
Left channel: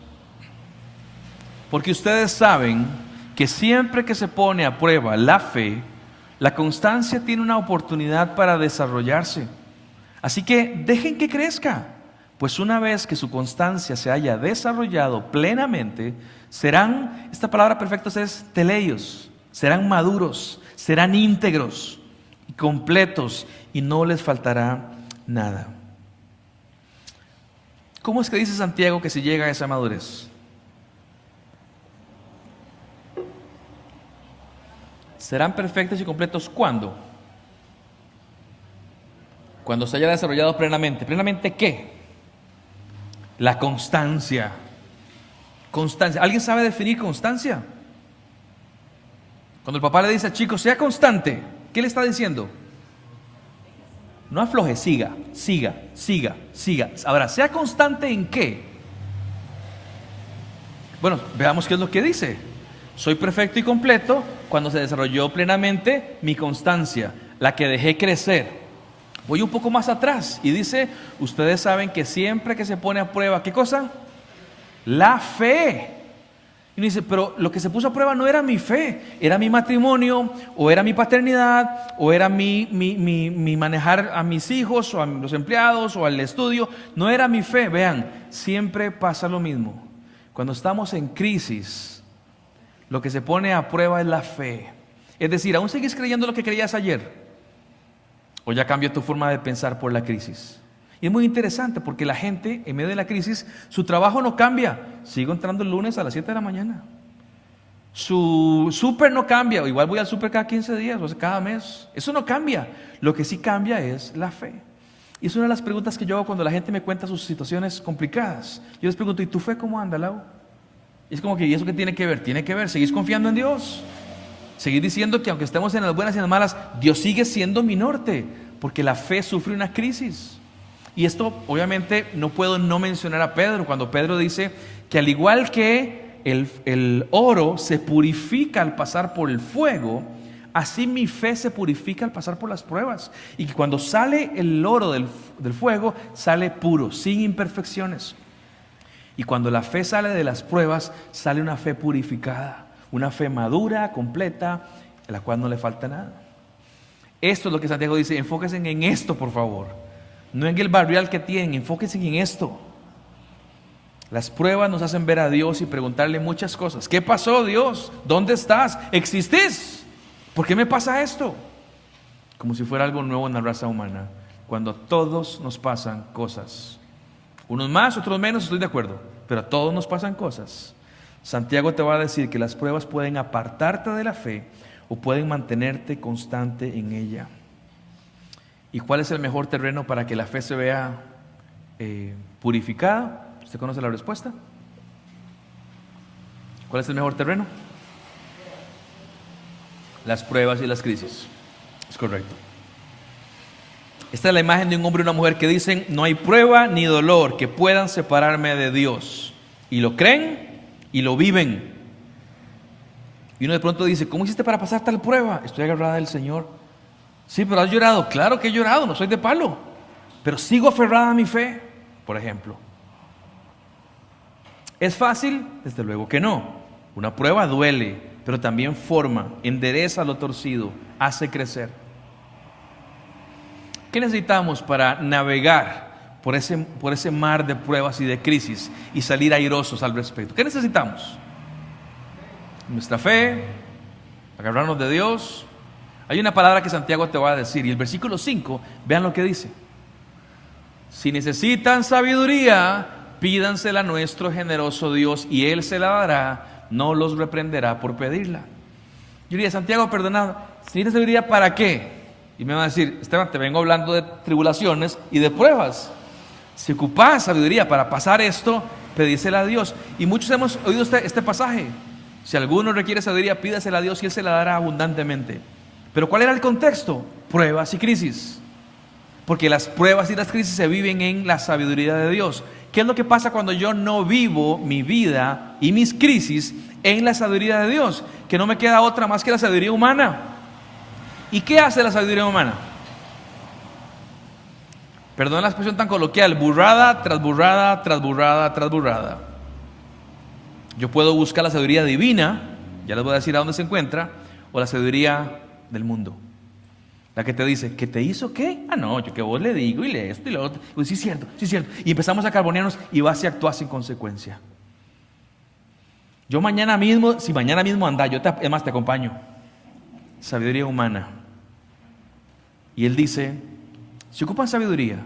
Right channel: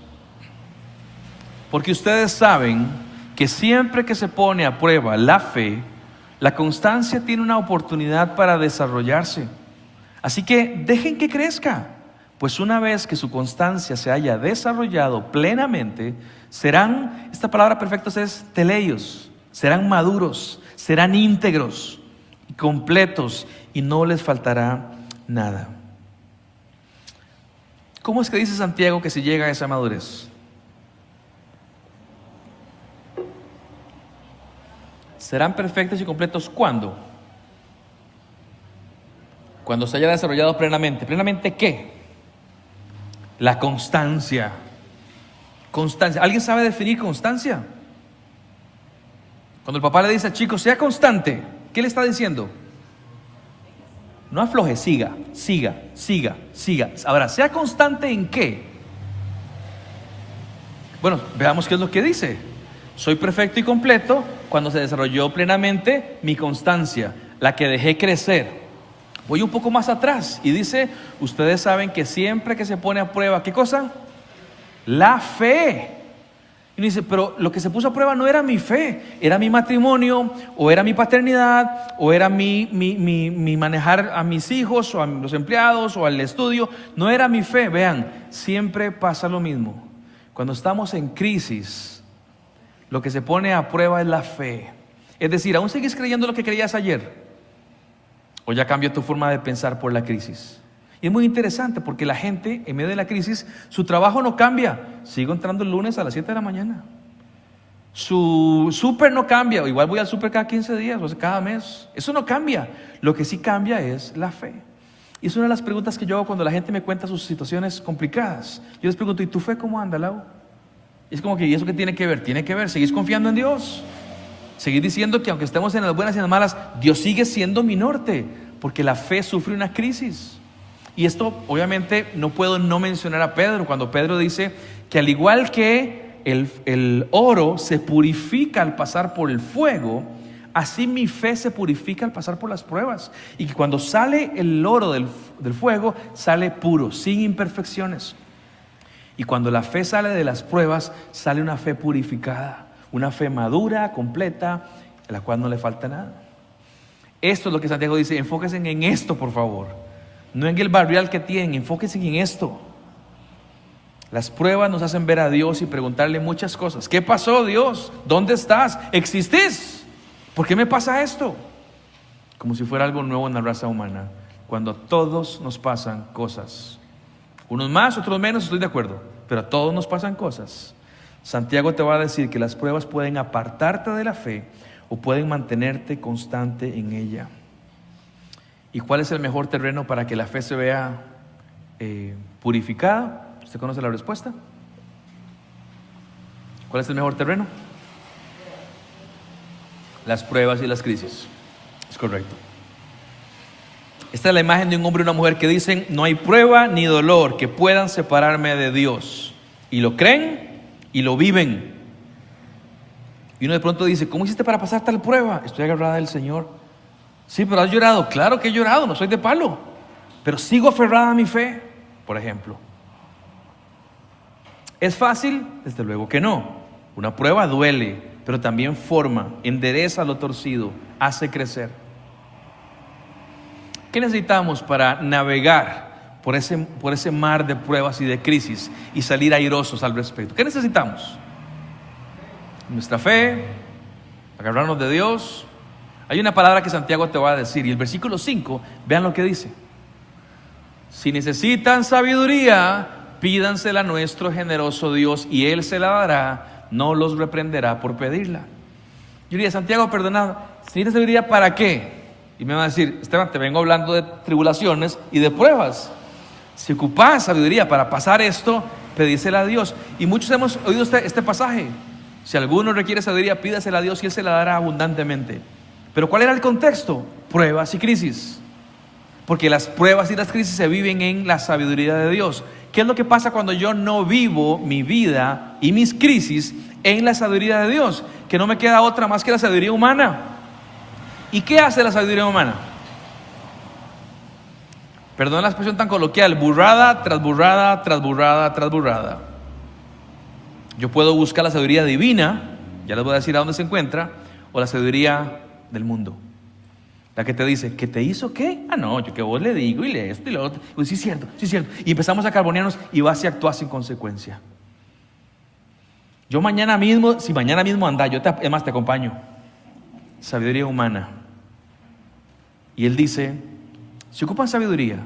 Porque ustedes saben que siempre que se pone a prueba la fe, la constancia tiene una oportunidad para desarrollarse. Así que dejen que crezca, pues una vez que su constancia se haya desarrollado plenamente, serán, esta palabra perfecta es teleios, serán maduros, serán íntegros, completos y no les faltará nada. ¿Cómo es que dice Santiago que se llega a esa madurez? ¿Serán perfectos y completos cuándo? Cuando se haya desarrollado plenamente. ¿Plenamente qué? La constancia. Constancia. ¿Alguien sabe definir constancia? Cuando el papá le dice al chico, sea constante, ¿qué le está diciendo? No afloje, siga. Ahora, ¿sea constante en qué? Bueno, veamos qué es lo que dice. Soy perfecto y completo cuando se desarrolló plenamente mi constancia, la que dejé crecer. Voy un poco más atrás y dice, ustedes saben que siempre que se pone a prueba, ¿qué cosa? La fe. Y dice, pero lo que se puso a prueba no era mi fe, era mi matrimonio, o era mi paternidad, o era mi manejar a mis hijos, o a los empleados, o al estudio. No era mi fe. Vean, siempre pasa lo mismo. Cuando estamos en crisis, lo que se pone a prueba es la fe. Es decir, ¿aún sigues creyendo lo que creías ayer? ¿O ya cambió tu forma de pensar por la crisis? Y es muy interesante porque la gente en medio de la crisis, su trabajo no cambia. Sigo entrando el lunes a las 7 de la mañana. Su súper no cambia. Igual voy al súper cada 15 días, o sea, cada mes. Eso no cambia. Lo que sí cambia es la fe. Y es una de las preguntas que yo hago cuando la gente me cuenta sus situaciones complicadas. Yo les pregunto, ¿y tu fe cómo anda, Lau? Y es como que, ¿y eso qué tiene que ver? Tiene que ver, ¿seguís confiando en Dios? Seguir diciendo que aunque estemos en las buenas y en las malas, Dios sigue siendo mi norte. Porque la fe sufre una crisis. Y esto obviamente no puedo no mencionar a Pedro cuando Pedro dice que al igual que el oro se purifica al pasar por el fuego, así mi fe se purifica al pasar por las pruebas. Y que cuando sale el oro del fuego, sale puro, sin imperfecciones. Y cuando la fe sale de las pruebas, sale una fe purificada, una fe madura, completa, a la cual no le falta nada. Esto es lo que Santiago dice, enfóquense en esto, por favor. No en el barrial que tienen, enfóquense en esto. Las pruebas nos hacen ver a Dios y preguntarle muchas cosas. ¿Qué pasó, Dios? ¿Dónde estás? ¿Existís? ¿Por qué me pasa esto? Como si fuera algo nuevo en la raza humana. Cuando a todos nos pasan cosas. Unos más, otros menos, estoy de acuerdo. Pero a todos nos pasan cosas. Santiago te va a decir que las pruebas pueden apartarte de la fe o pueden mantenerte constante en ella. ¿Y cuál es el mejor terreno para que la fe se vea purificada? ¿Usted conoce la respuesta? ¿Cuál es el mejor terreno? Las pruebas y las crisis. Es correcto. Esta es la imagen de un hombre y una mujer que dicen, no hay prueba ni dolor que puedan separarme de Dios. Y lo creen y lo viven. Y uno de pronto dice, ¿cómo hiciste para pasar tal prueba? Estoy agarrada del Señor. Sí, pero has llorado. Claro que he llorado, no soy de palo. Pero sigo aferrada a mi fe, por ejemplo. ¿Es fácil? Desde luego que no. Una prueba duele, pero también forma, endereza lo torcido, hace crecer. ¿Qué necesitamos para navegar por ese mar de pruebas y de crisis y salir airosos al respecto? ¿Qué necesitamos? Nuestra fe, agarrarnos de Dios. Hay una palabra que Santiago te va a decir, y el versículo 5, vean lo que dice. Si necesitan sabiduría, pídansela a nuestro generoso Dios, y Él se la dará, no los reprenderá por pedirla. Yo diría, Santiago, perdonad, si necesitas sabiduría, ¿para qué? Y me va a decir, Esteban, te vengo hablando de tribulaciones y de pruebas. Si ocupas sabiduría para pasar esto, pedísela a Dios. Y muchos hemos oído este pasaje. Si alguno requiere sabiduría, pídasela a Dios y Él se la dará abundantemente. Pero ¿cuál era el contexto? Pruebas y crisis. Porque las pruebas y las crisis se viven en la sabiduría de Dios. ¿Qué es lo que pasa cuando yo no vivo mi vida y mis crisis en la sabiduría de Dios? Que no me queda otra más que la sabiduría humana. ¿Y qué hace la sabiduría humana? Perdón la expresión tan coloquial, burrada tras burrada, tras burrada, tras burrada. Yo puedo buscar la sabiduría divina, ya les voy a decir a dónde se encuentra, o la sabiduría del mundo. La que te dice, ¿qué te hizo qué? Ah, no, yo que vos le digo y le esto y lo otro. Pues sí es cierto, sí es cierto. Y empezamos a carbonearnos y vas y actúas sin consecuencia. Yo mañana mismo, si mañana mismo anda, además te acompaño. Sabiduría humana. Y Él dice, si ocupan sabiduría,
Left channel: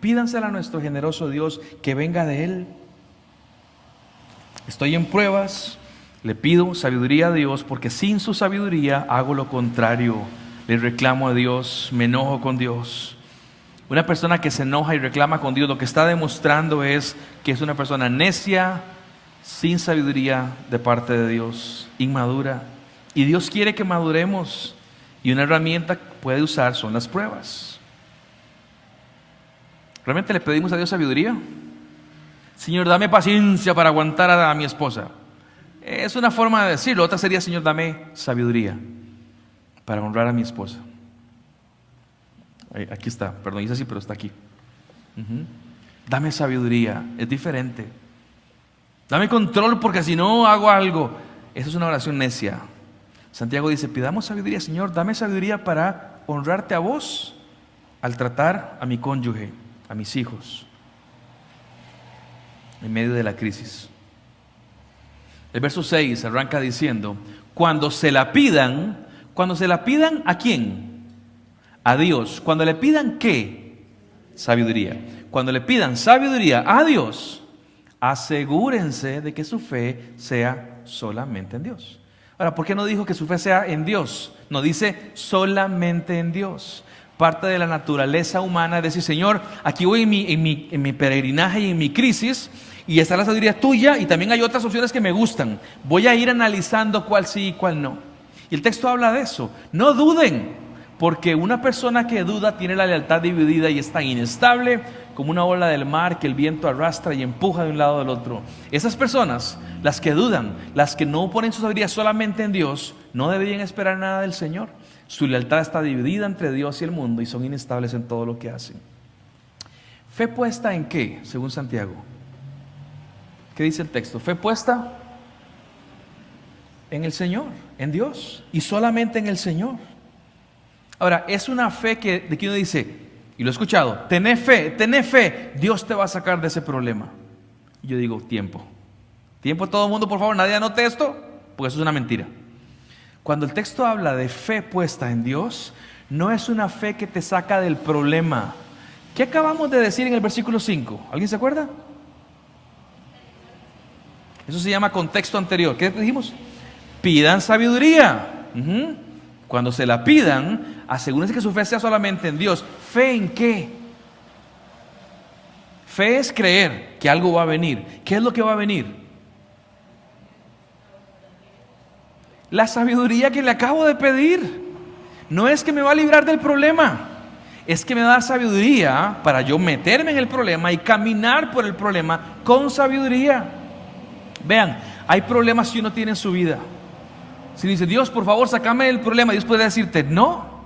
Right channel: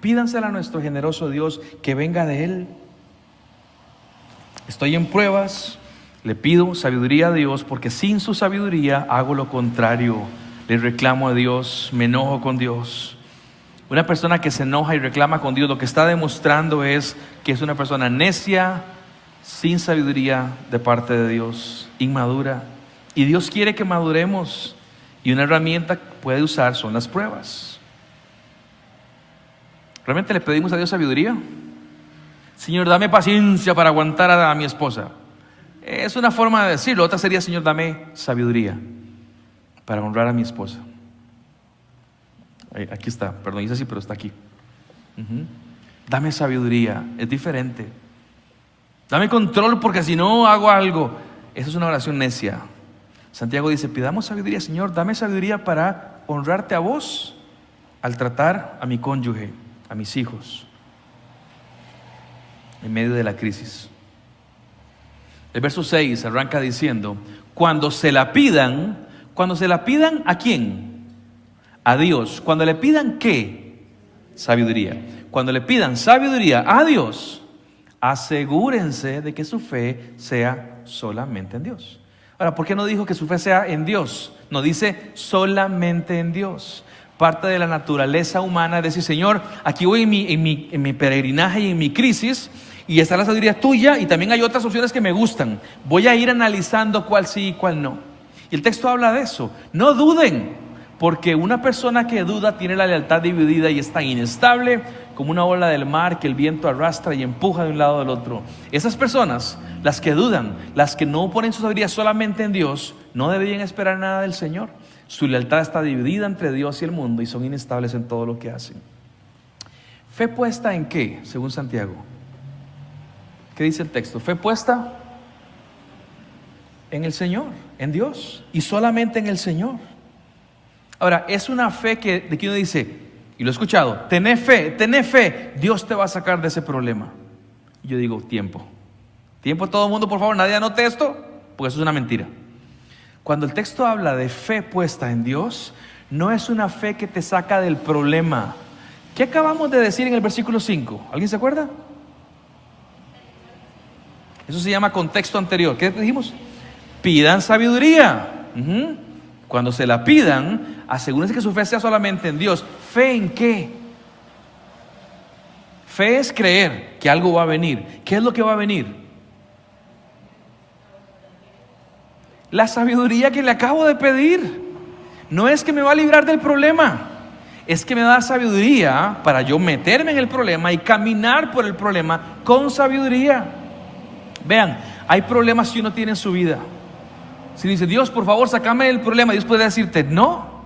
pídansela a nuestro generoso Dios, que venga de Él. Estoy en pruebas, le pido sabiduría a Dios, porque sin su sabiduría hago lo contrario. Le reclamo a Dios, me enojo con Dios. Una persona que se enoja y reclama con Dios, lo que está demostrando es que es una persona necia, sin sabiduría de parte de Dios, inmadura. Y Dios quiere que maduremos, y una herramienta que puede usar son las pruebas. ¿Realmente le pedimos a Dios sabiduría? Señor, dame paciencia para aguantar a mi esposa. Es una forma de decirlo. Otra sería, Señor, dame sabiduría para honrar a mi esposa. Aquí está, perdón, dice así, pero está aquí. Dame sabiduría, es diferente. Dame control, porque si no hago algo. Eso es una oración necia. Santiago dice, pidamos sabiduría, Señor, dame sabiduría para honrarte a vos al tratar a mi cónyuge, a mis hijos, en medio de la crisis. El verso 6 arranca diciendo, cuando se la pidan, ¿a quién? A Dios. Cuando le pidan, ¿qué? Sabiduría. Cuando le pidan sabiduría a Dios, asegúrense de que su fe sea solamente en Dios. Ahora, ¿por qué no dijo que su fe sea en Dios? No, dice solamente en Dios. Parte de la naturaleza humana es decir, Señor, aquí voy en mi peregrinaje y en mi crisis, y está la sabiduría tuya, y también hay otras opciones que me gustan. Voy a ir analizando cuál sí y cuál no. Y el texto habla de eso. No duden, porque una persona que duda tiene la lealtad dividida y está inestable como una ola del mar que el viento arrastra y empuja de un lado al otro. Esas personas, las que dudan, las que no ponen su sabiduría solamente en Dios, no deberían esperar nada del Señor. Su lealtad está dividida entre Dios y el mundo y son inestables en todo lo que hacen. ¿Fe puesta en qué, según Santiago? ¿Qué dice el texto? Fe puesta en el Señor, en Dios, y solamente en el Señor. Ahora, es una fe de que uno dice, y lo he escuchado, tené fe, Dios te va a sacar de ese problema. Y yo digo, tiempo todo el mundo, por favor, nadie anote esto, porque eso es una mentira. Cuando el texto habla de fe puesta en Dios, no es una fe que te saca del problema. ¿Qué acabamos de decir en el versículo 5? ¿Alguien se acuerda? Eso se llama contexto anterior. ¿Qué dijimos? Pidan sabiduría. Cuando se la pidan, asegúrense que su fe sea solamente en Dios. ¿Fe en qué? Fe es creer que algo va a venir. ¿Qué es lo que va a venir? La sabiduría que le acabo de pedir. No es que me va a librar del problema, es que me da sabiduría para yo meterme en el problema y caminar por el problema con sabiduría. Vean, hay problemas que uno tiene en su vida. Si dice, Dios, por favor, sácame del problema, Dios puede decirte, no,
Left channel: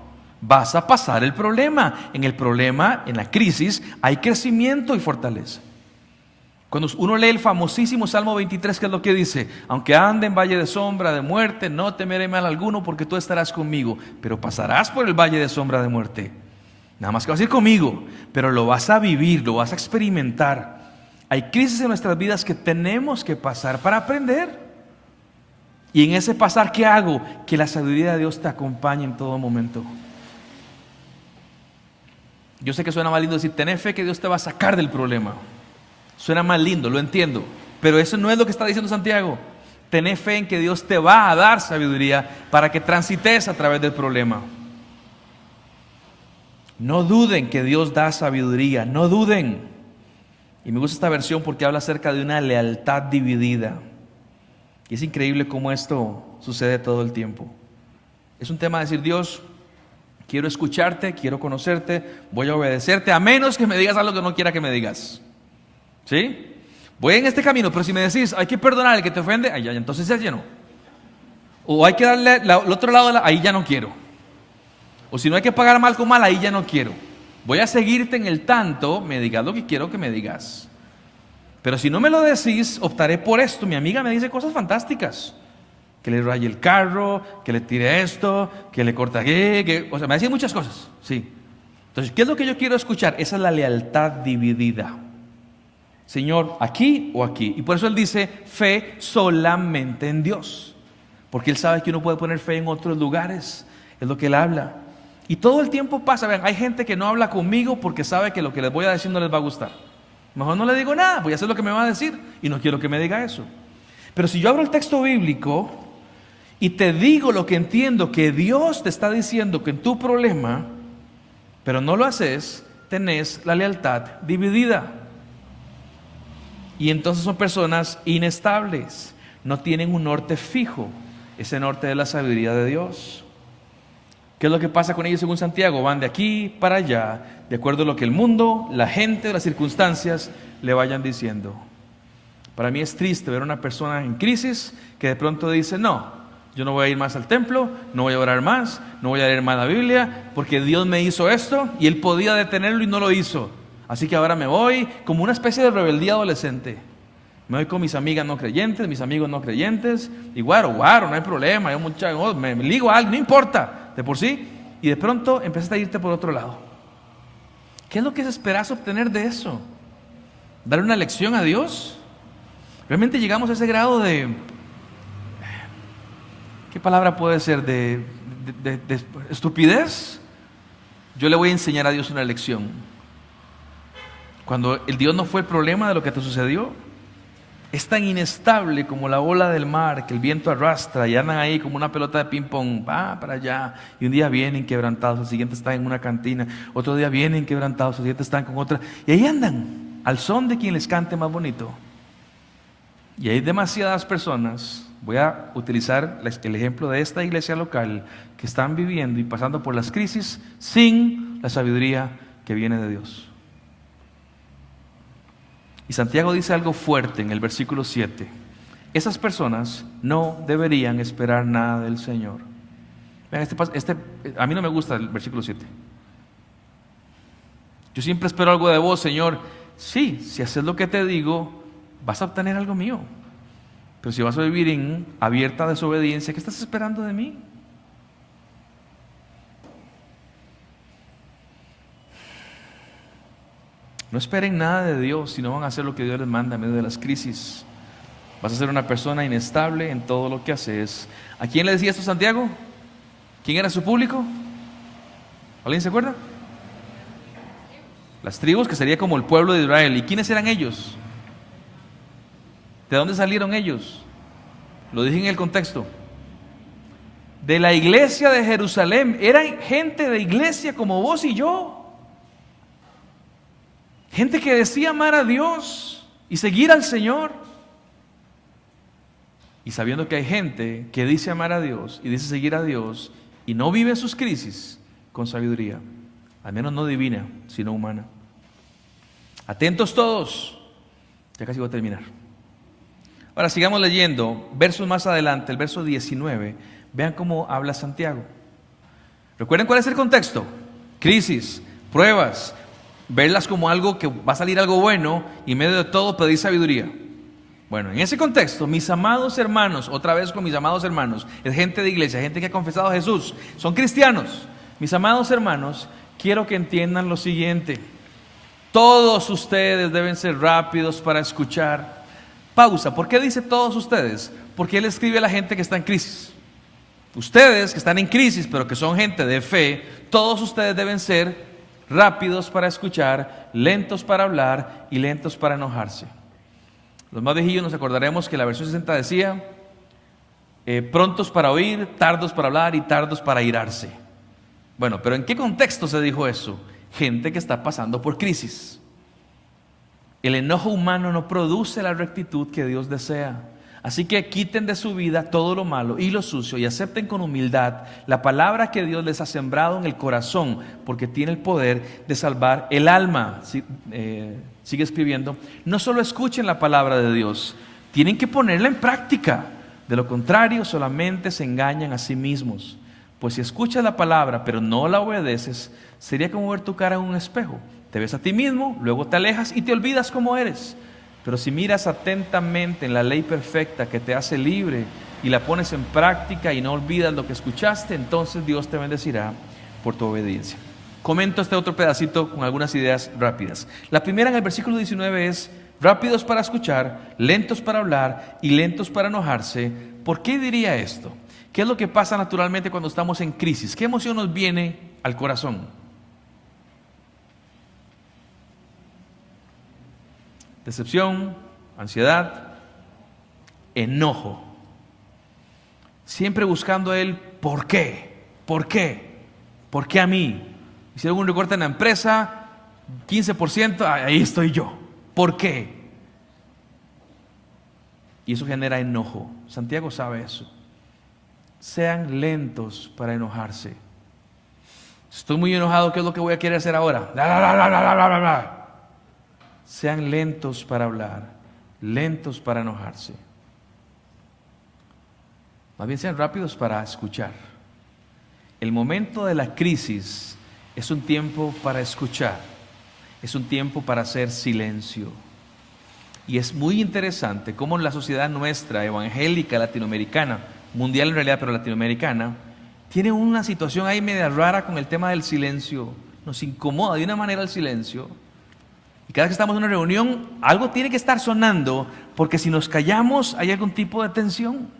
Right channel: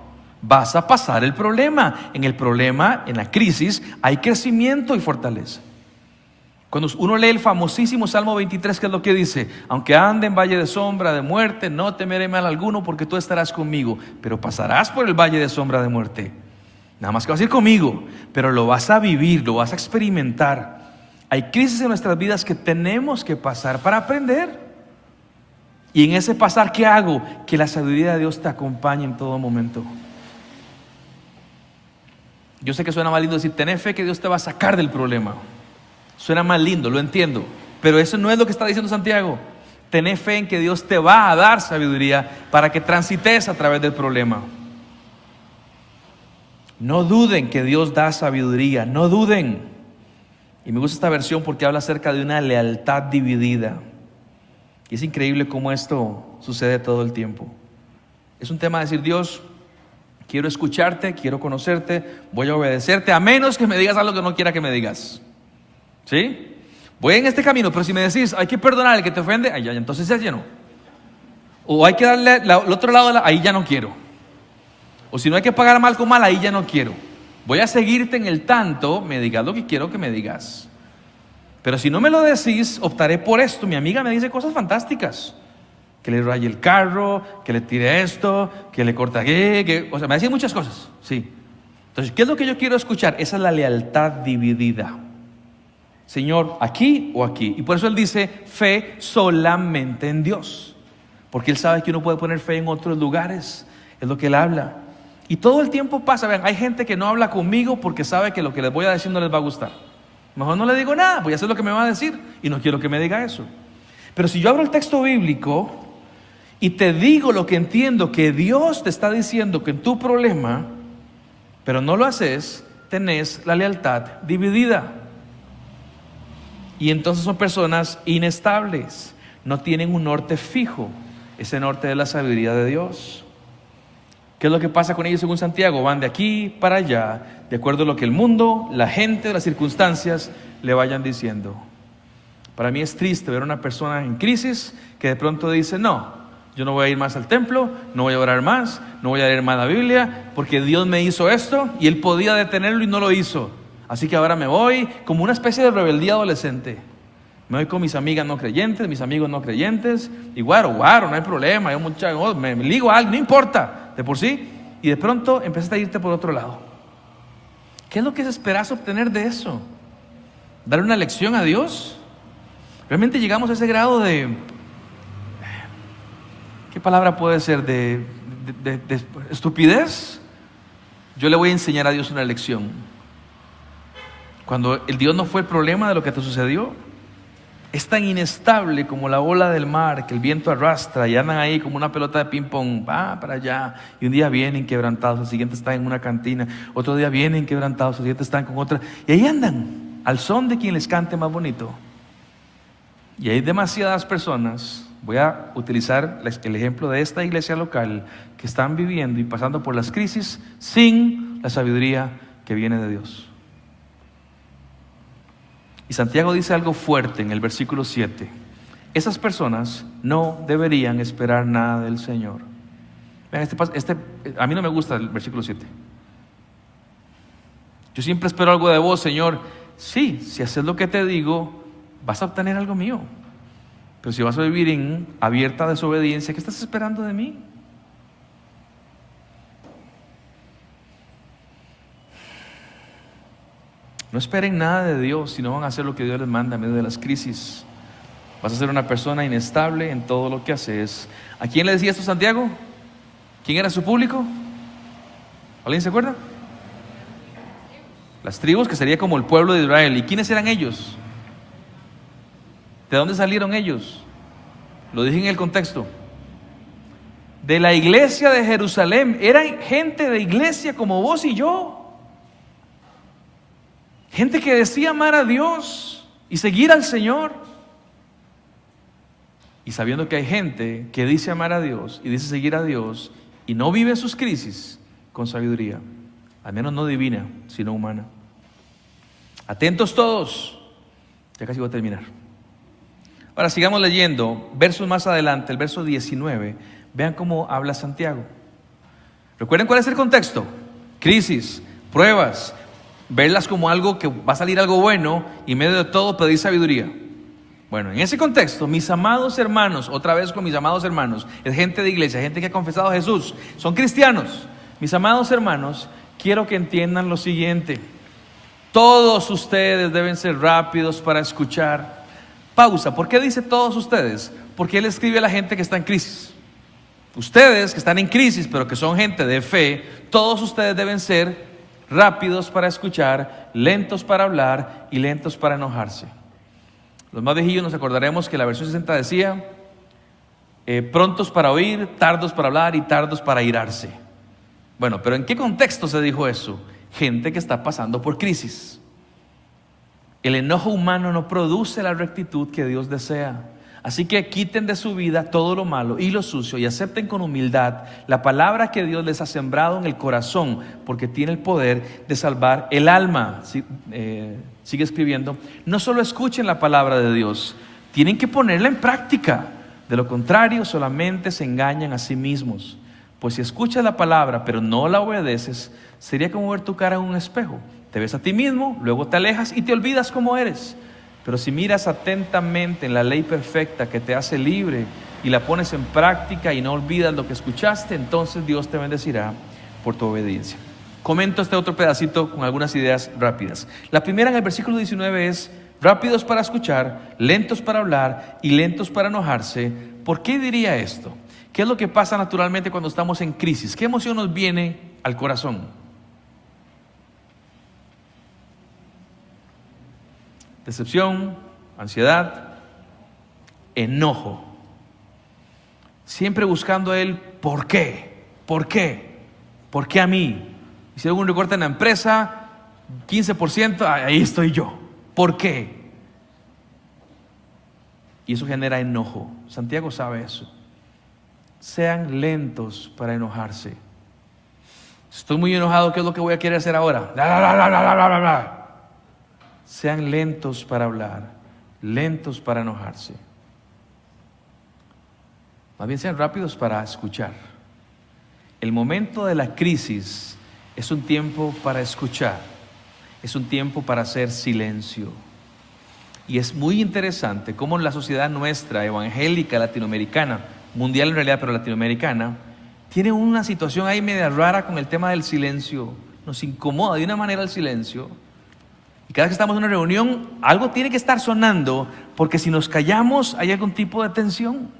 vas a pasar el problema. En el problema, en la crisis, hay crecimiento y fortaleza. Cuando uno lee el famosísimo Salmo 23, ¿qué es lo que dice? Aunque ande en valle de sombra de muerte, no temeré mal alguno, porque tú estarás conmigo. Pero pasarás por el valle de sombra de muerte. Nada más que vas a ir conmigo, pero lo vas a vivir, lo vas a experimentar. Hay crisis en nuestras vidas que tenemos que pasar para aprender. Y en ese pasar, ¿qué hago? Que la sabiduría de Dios te acompañe en todo momento. Yo sé que suena más lindo decir, ten fe que Dios te va a sacar del problema. Suena más lindo, lo entiendo. Pero eso no es lo que está diciendo Santiago. Ten fe en que Dios te va a dar sabiduría para que transites a través del problema. No duden que Dios da sabiduría, no duden. Y me gusta esta versión porque habla acerca de una lealtad dividida. Y es increíble cómo esto sucede todo el tiempo. Es un tema de decir, Dios, quiero escucharte, quiero conocerte, voy a obedecerte, a menos que me digas algo que no quiera que me digas. ¿Sí? Voy en este camino, pero si me decís, hay que perdonar al que te ofende, ahí ya, entonces ya lleno. O hay que darle al otro lado, ahí ya no quiero. O si no hay que pagar mal con mal, ahí ya no quiero. Voy a seguirte en el tanto, me digas lo que quiero que me digas. Pero si no me lo decís, optaré por esto. Mi amiga me dice cosas fantásticas. Que le raye el carro, que le tire esto, que le corta o sea, me decía muchas cosas, sí. Entonces, ¿qué es lo que yo quiero escuchar? Esa es la lealtad dividida. Señor, aquí o aquí. Y por eso Él dice, fe solamente en Dios. Porque Él sabe que uno puede poner fe en otros lugares. Es lo que Él habla. Y todo el tiempo pasa. Vean, hay gente que no habla conmigo porque sabe que lo que les voy a decir no les va a gustar. Mejor no le digo nada, voy a hacer lo que me va a decir. Y no quiero que me diga eso. Pero si yo abro el texto bíblico y te digo lo que entiendo que Dios te está diciendo que en tu problema, pero no lo haces, tenés la lealtad dividida. Y entonces son personas inestables, no tienen un norte fijo, ese norte de la sabiduría de Dios. ¿Qué es lo que pasa con ellos según Santiago? Van de aquí para allá, de acuerdo a lo que el mundo, la gente, las circunstancias le vayan diciendo. Para mí es triste ver a una persona en crisis que de pronto dice, no, yo no voy a ir más al templo, no voy a orar más, no voy a leer más la Biblia, porque Dios me hizo esto y Él podía detenerlo y no lo hizo. Así que ahora me voy como una especie de rebeldía adolescente. Me voy con mis amigas no creyentes, mis amigos no creyentes, y guaro, no hay problema, me ligo a algo, no importa, de por sí. Y de pronto empezaste a irte por otro lado. ¿Qué es lo que esperas obtener de eso? ¿Darle una lección a Dios? ¿Realmente llegamos a ese grado de... ¿qué palabra puede ser? ¿De estupidez? Yo le voy a enseñar a Dios una lección. Cuando el Dios no fue el problema de lo que te sucedió, es tan inestable como la ola del mar que el viento arrastra y andan ahí como una pelota de ping pong, va para allá, y un día vienen quebrantados, el siguiente están en una cantina, otro día vienen quebrantados, el siguiente están con otra, y ahí andan, al son de quien les cante más bonito. Y hay demasiadas personas, voy a utilizar el ejemplo de esta iglesia local, que están viviendo y pasando por las crisis sin la sabiduría que viene de Dios. Y Santiago dice algo fuerte en el versículo 7. Esas personas no deberían esperar nada del Señor. Vean, a mí no me gusta el versículo 7. Yo siempre espero algo de vos, Señor. Sí, si haces lo que te digo, vas a obtener algo mío. Pero si vas a vivir en abierta desobediencia, ¿qué estás esperando de mí? No esperen nada de Dios si no van a hacer lo que Dios les manda en medio de las crisis. Vas a ser una persona inestable en todo lo que haces. ¿A quién le decía esto Santiago? ¿Quién era su público? ¿Alguien se acuerda? Las tribus, que sería como el pueblo de Israel. ¿Y quiénes eran ellos? ¿De dónde salieron ellos? Lo dije en el contexto. De la iglesia de Jerusalén. Eran gente de iglesia como vos y yo. Gente que decía amar a Dios y seguir al Señor. Y sabiendo que hay gente que dice amar a Dios y dice seguir a Dios y no vive sus crisis con sabiduría, al menos no divina, sino humana. Atentos todos. Ya casi voy a terminar. Ahora sigamos leyendo. Versos más adelante, el verso 19, Vean cómo habla Santiago. Recuerden cuál es el contexto: crisis, pruebas, verlas como algo que va a salir algo bueno y en medio de todo pedir sabiduría. Bueno, en ese contexto, mis amados hermanos, otra vez con mis amados hermanos, es gente de iglesia, gente que ha confesado a Jesús, son cristianos. Mis amados hermanos, quiero que entiendan lo siguiente: todos ustedes deben ser rápidos para escuchar. Pausa. ¿Por qué dice todos ustedes? Porque él escribe a la gente que está en crisis. Ustedes que están en crisis, pero que son gente de fe, todos ustedes deben ser rápidos para escuchar, lentos para hablar y lentos para enojarse. Los más viejillos nos acordaremos que la versión 60 decía, prontos para oír, tardos para hablar y tardos para irarse. Bueno, pero ¿en qué contexto se dijo eso? Gente que está pasando por crisis. El enojo humano no produce la rectitud que Dios desea. Así que quiten de su vida todo lo malo y lo sucio y acepten con humildad la palabra que Dios les ha sembrado en el corazón, porque tiene el poder de salvar el alma. Sigue escribiendo: no solo escuchen la palabra de Dios, tienen que ponerla en práctica. De lo contrario, solamente se engañan a sí mismos. Pues si escuchas la palabra pero no la obedeces, sería como ver tu cara en un espejo. Te ves a ti mismo, luego te alejas y te olvidas cómo eres. Pero si miras atentamente en la ley perfecta que te hace libre y la pones en práctica y no olvidas lo que escuchaste, entonces Dios te bendecirá por tu obediencia. Comento este otro pedacito con algunas ideas rápidas. La primera, en el versículo 19, es rápidos para escuchar, lentos para hablar y lentos para enojarse. ¿Por qué diría esto? ¿Qué es lo que pasa naturalmente cuando estamos en crisis? ¿Qué emoción nos viene al corazón? Decepción, ansiedad, enojo. Siempre buscando el ¿por qué? ¿Por qué? ¿Por qué a mí? Y si algún recorte en la empresa, 15%, ahí estoy yo. ¿Por qué? Y eso genera enojo. Santiago sabe eso. Sean lentos para enojarse. Estoy muy enojado, ¿qué es lo que voy a querer hacer ahora? Sean lentos para hablar, lentos para enojarse. Más bien sean rápidos para escuchar. El momento de la crisis es un tiempo para escuchar, es un tiempo para hacer silencio. Y es muy interesante cómo la sociedad nuestra, evangélica, latinoamericana, mundial en realidad, pero latinoamericana, tiene una situación ahí media rara con el tema del silencio. Nos incomoda de una manera el silencio. Y cada vez que estamos en una reunión, algo tiene que estar sonando, porque si nos callamos hay algún tipo de tensión.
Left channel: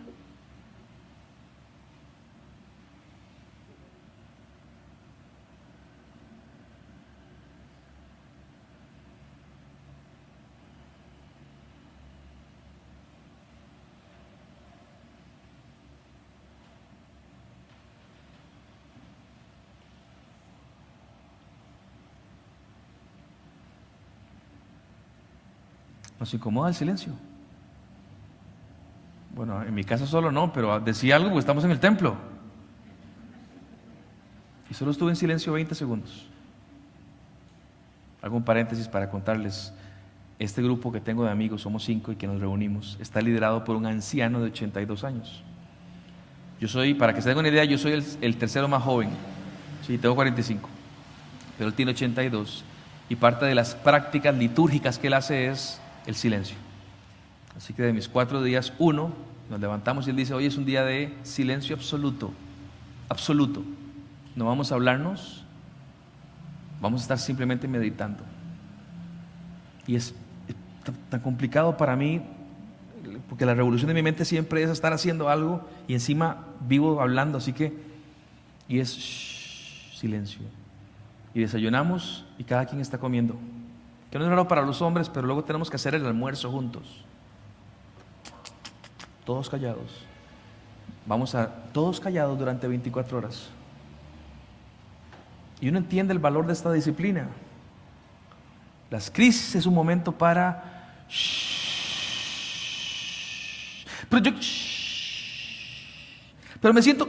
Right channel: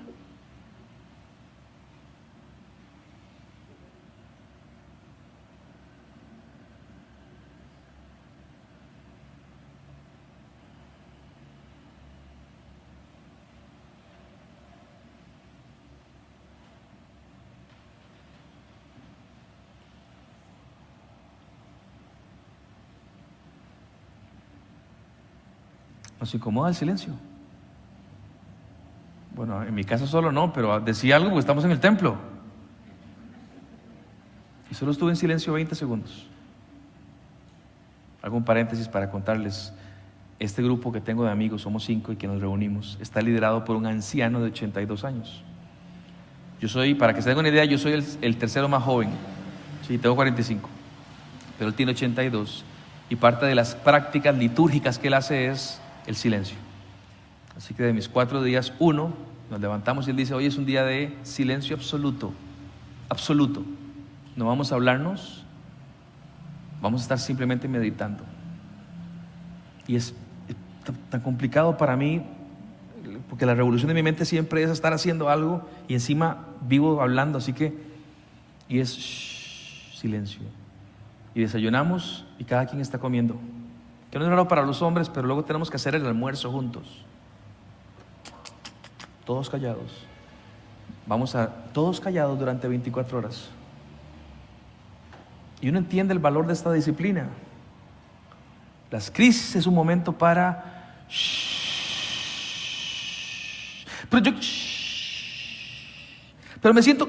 Nos incomoda el silencio. Bueno, en mi caso solo no, pero decía algo porque estamos en el templo. Y solo estuve en silencio 20 segundos. Hago un paréntesis para contarles. Este grupo que tengo de amigos, somos 5 y que nos reunimos, está liderado por un anciano de 82 años. Yo soy, para que se den una idea, yo soy el tercero más joven. Sí, tengo 45, pero él tiene 82. Y parte de las prácticas litúrgicas que él hace es el silencio. Así que de mis 4 días, 1, nos levantamos y él dice: hoy es un día de silencio absoluto, absoluto. No vamos a hablarnos, vamos a estar simplemente meditando. Y es tan complicado para mí, porque la revolución de mi mente siempre es estar haciendo algo y encima vivo hablando, así que, y es silencio. Y desayunamos y cada quien está comiendo. Que no es raro para los hombres, pero luego tenemos que hacer el almuerzo juntos. Todos callados. Todos callados durante 24 horas. Y uno entiende el valor de esta disciplina. Las crisis es un momento para pero me siento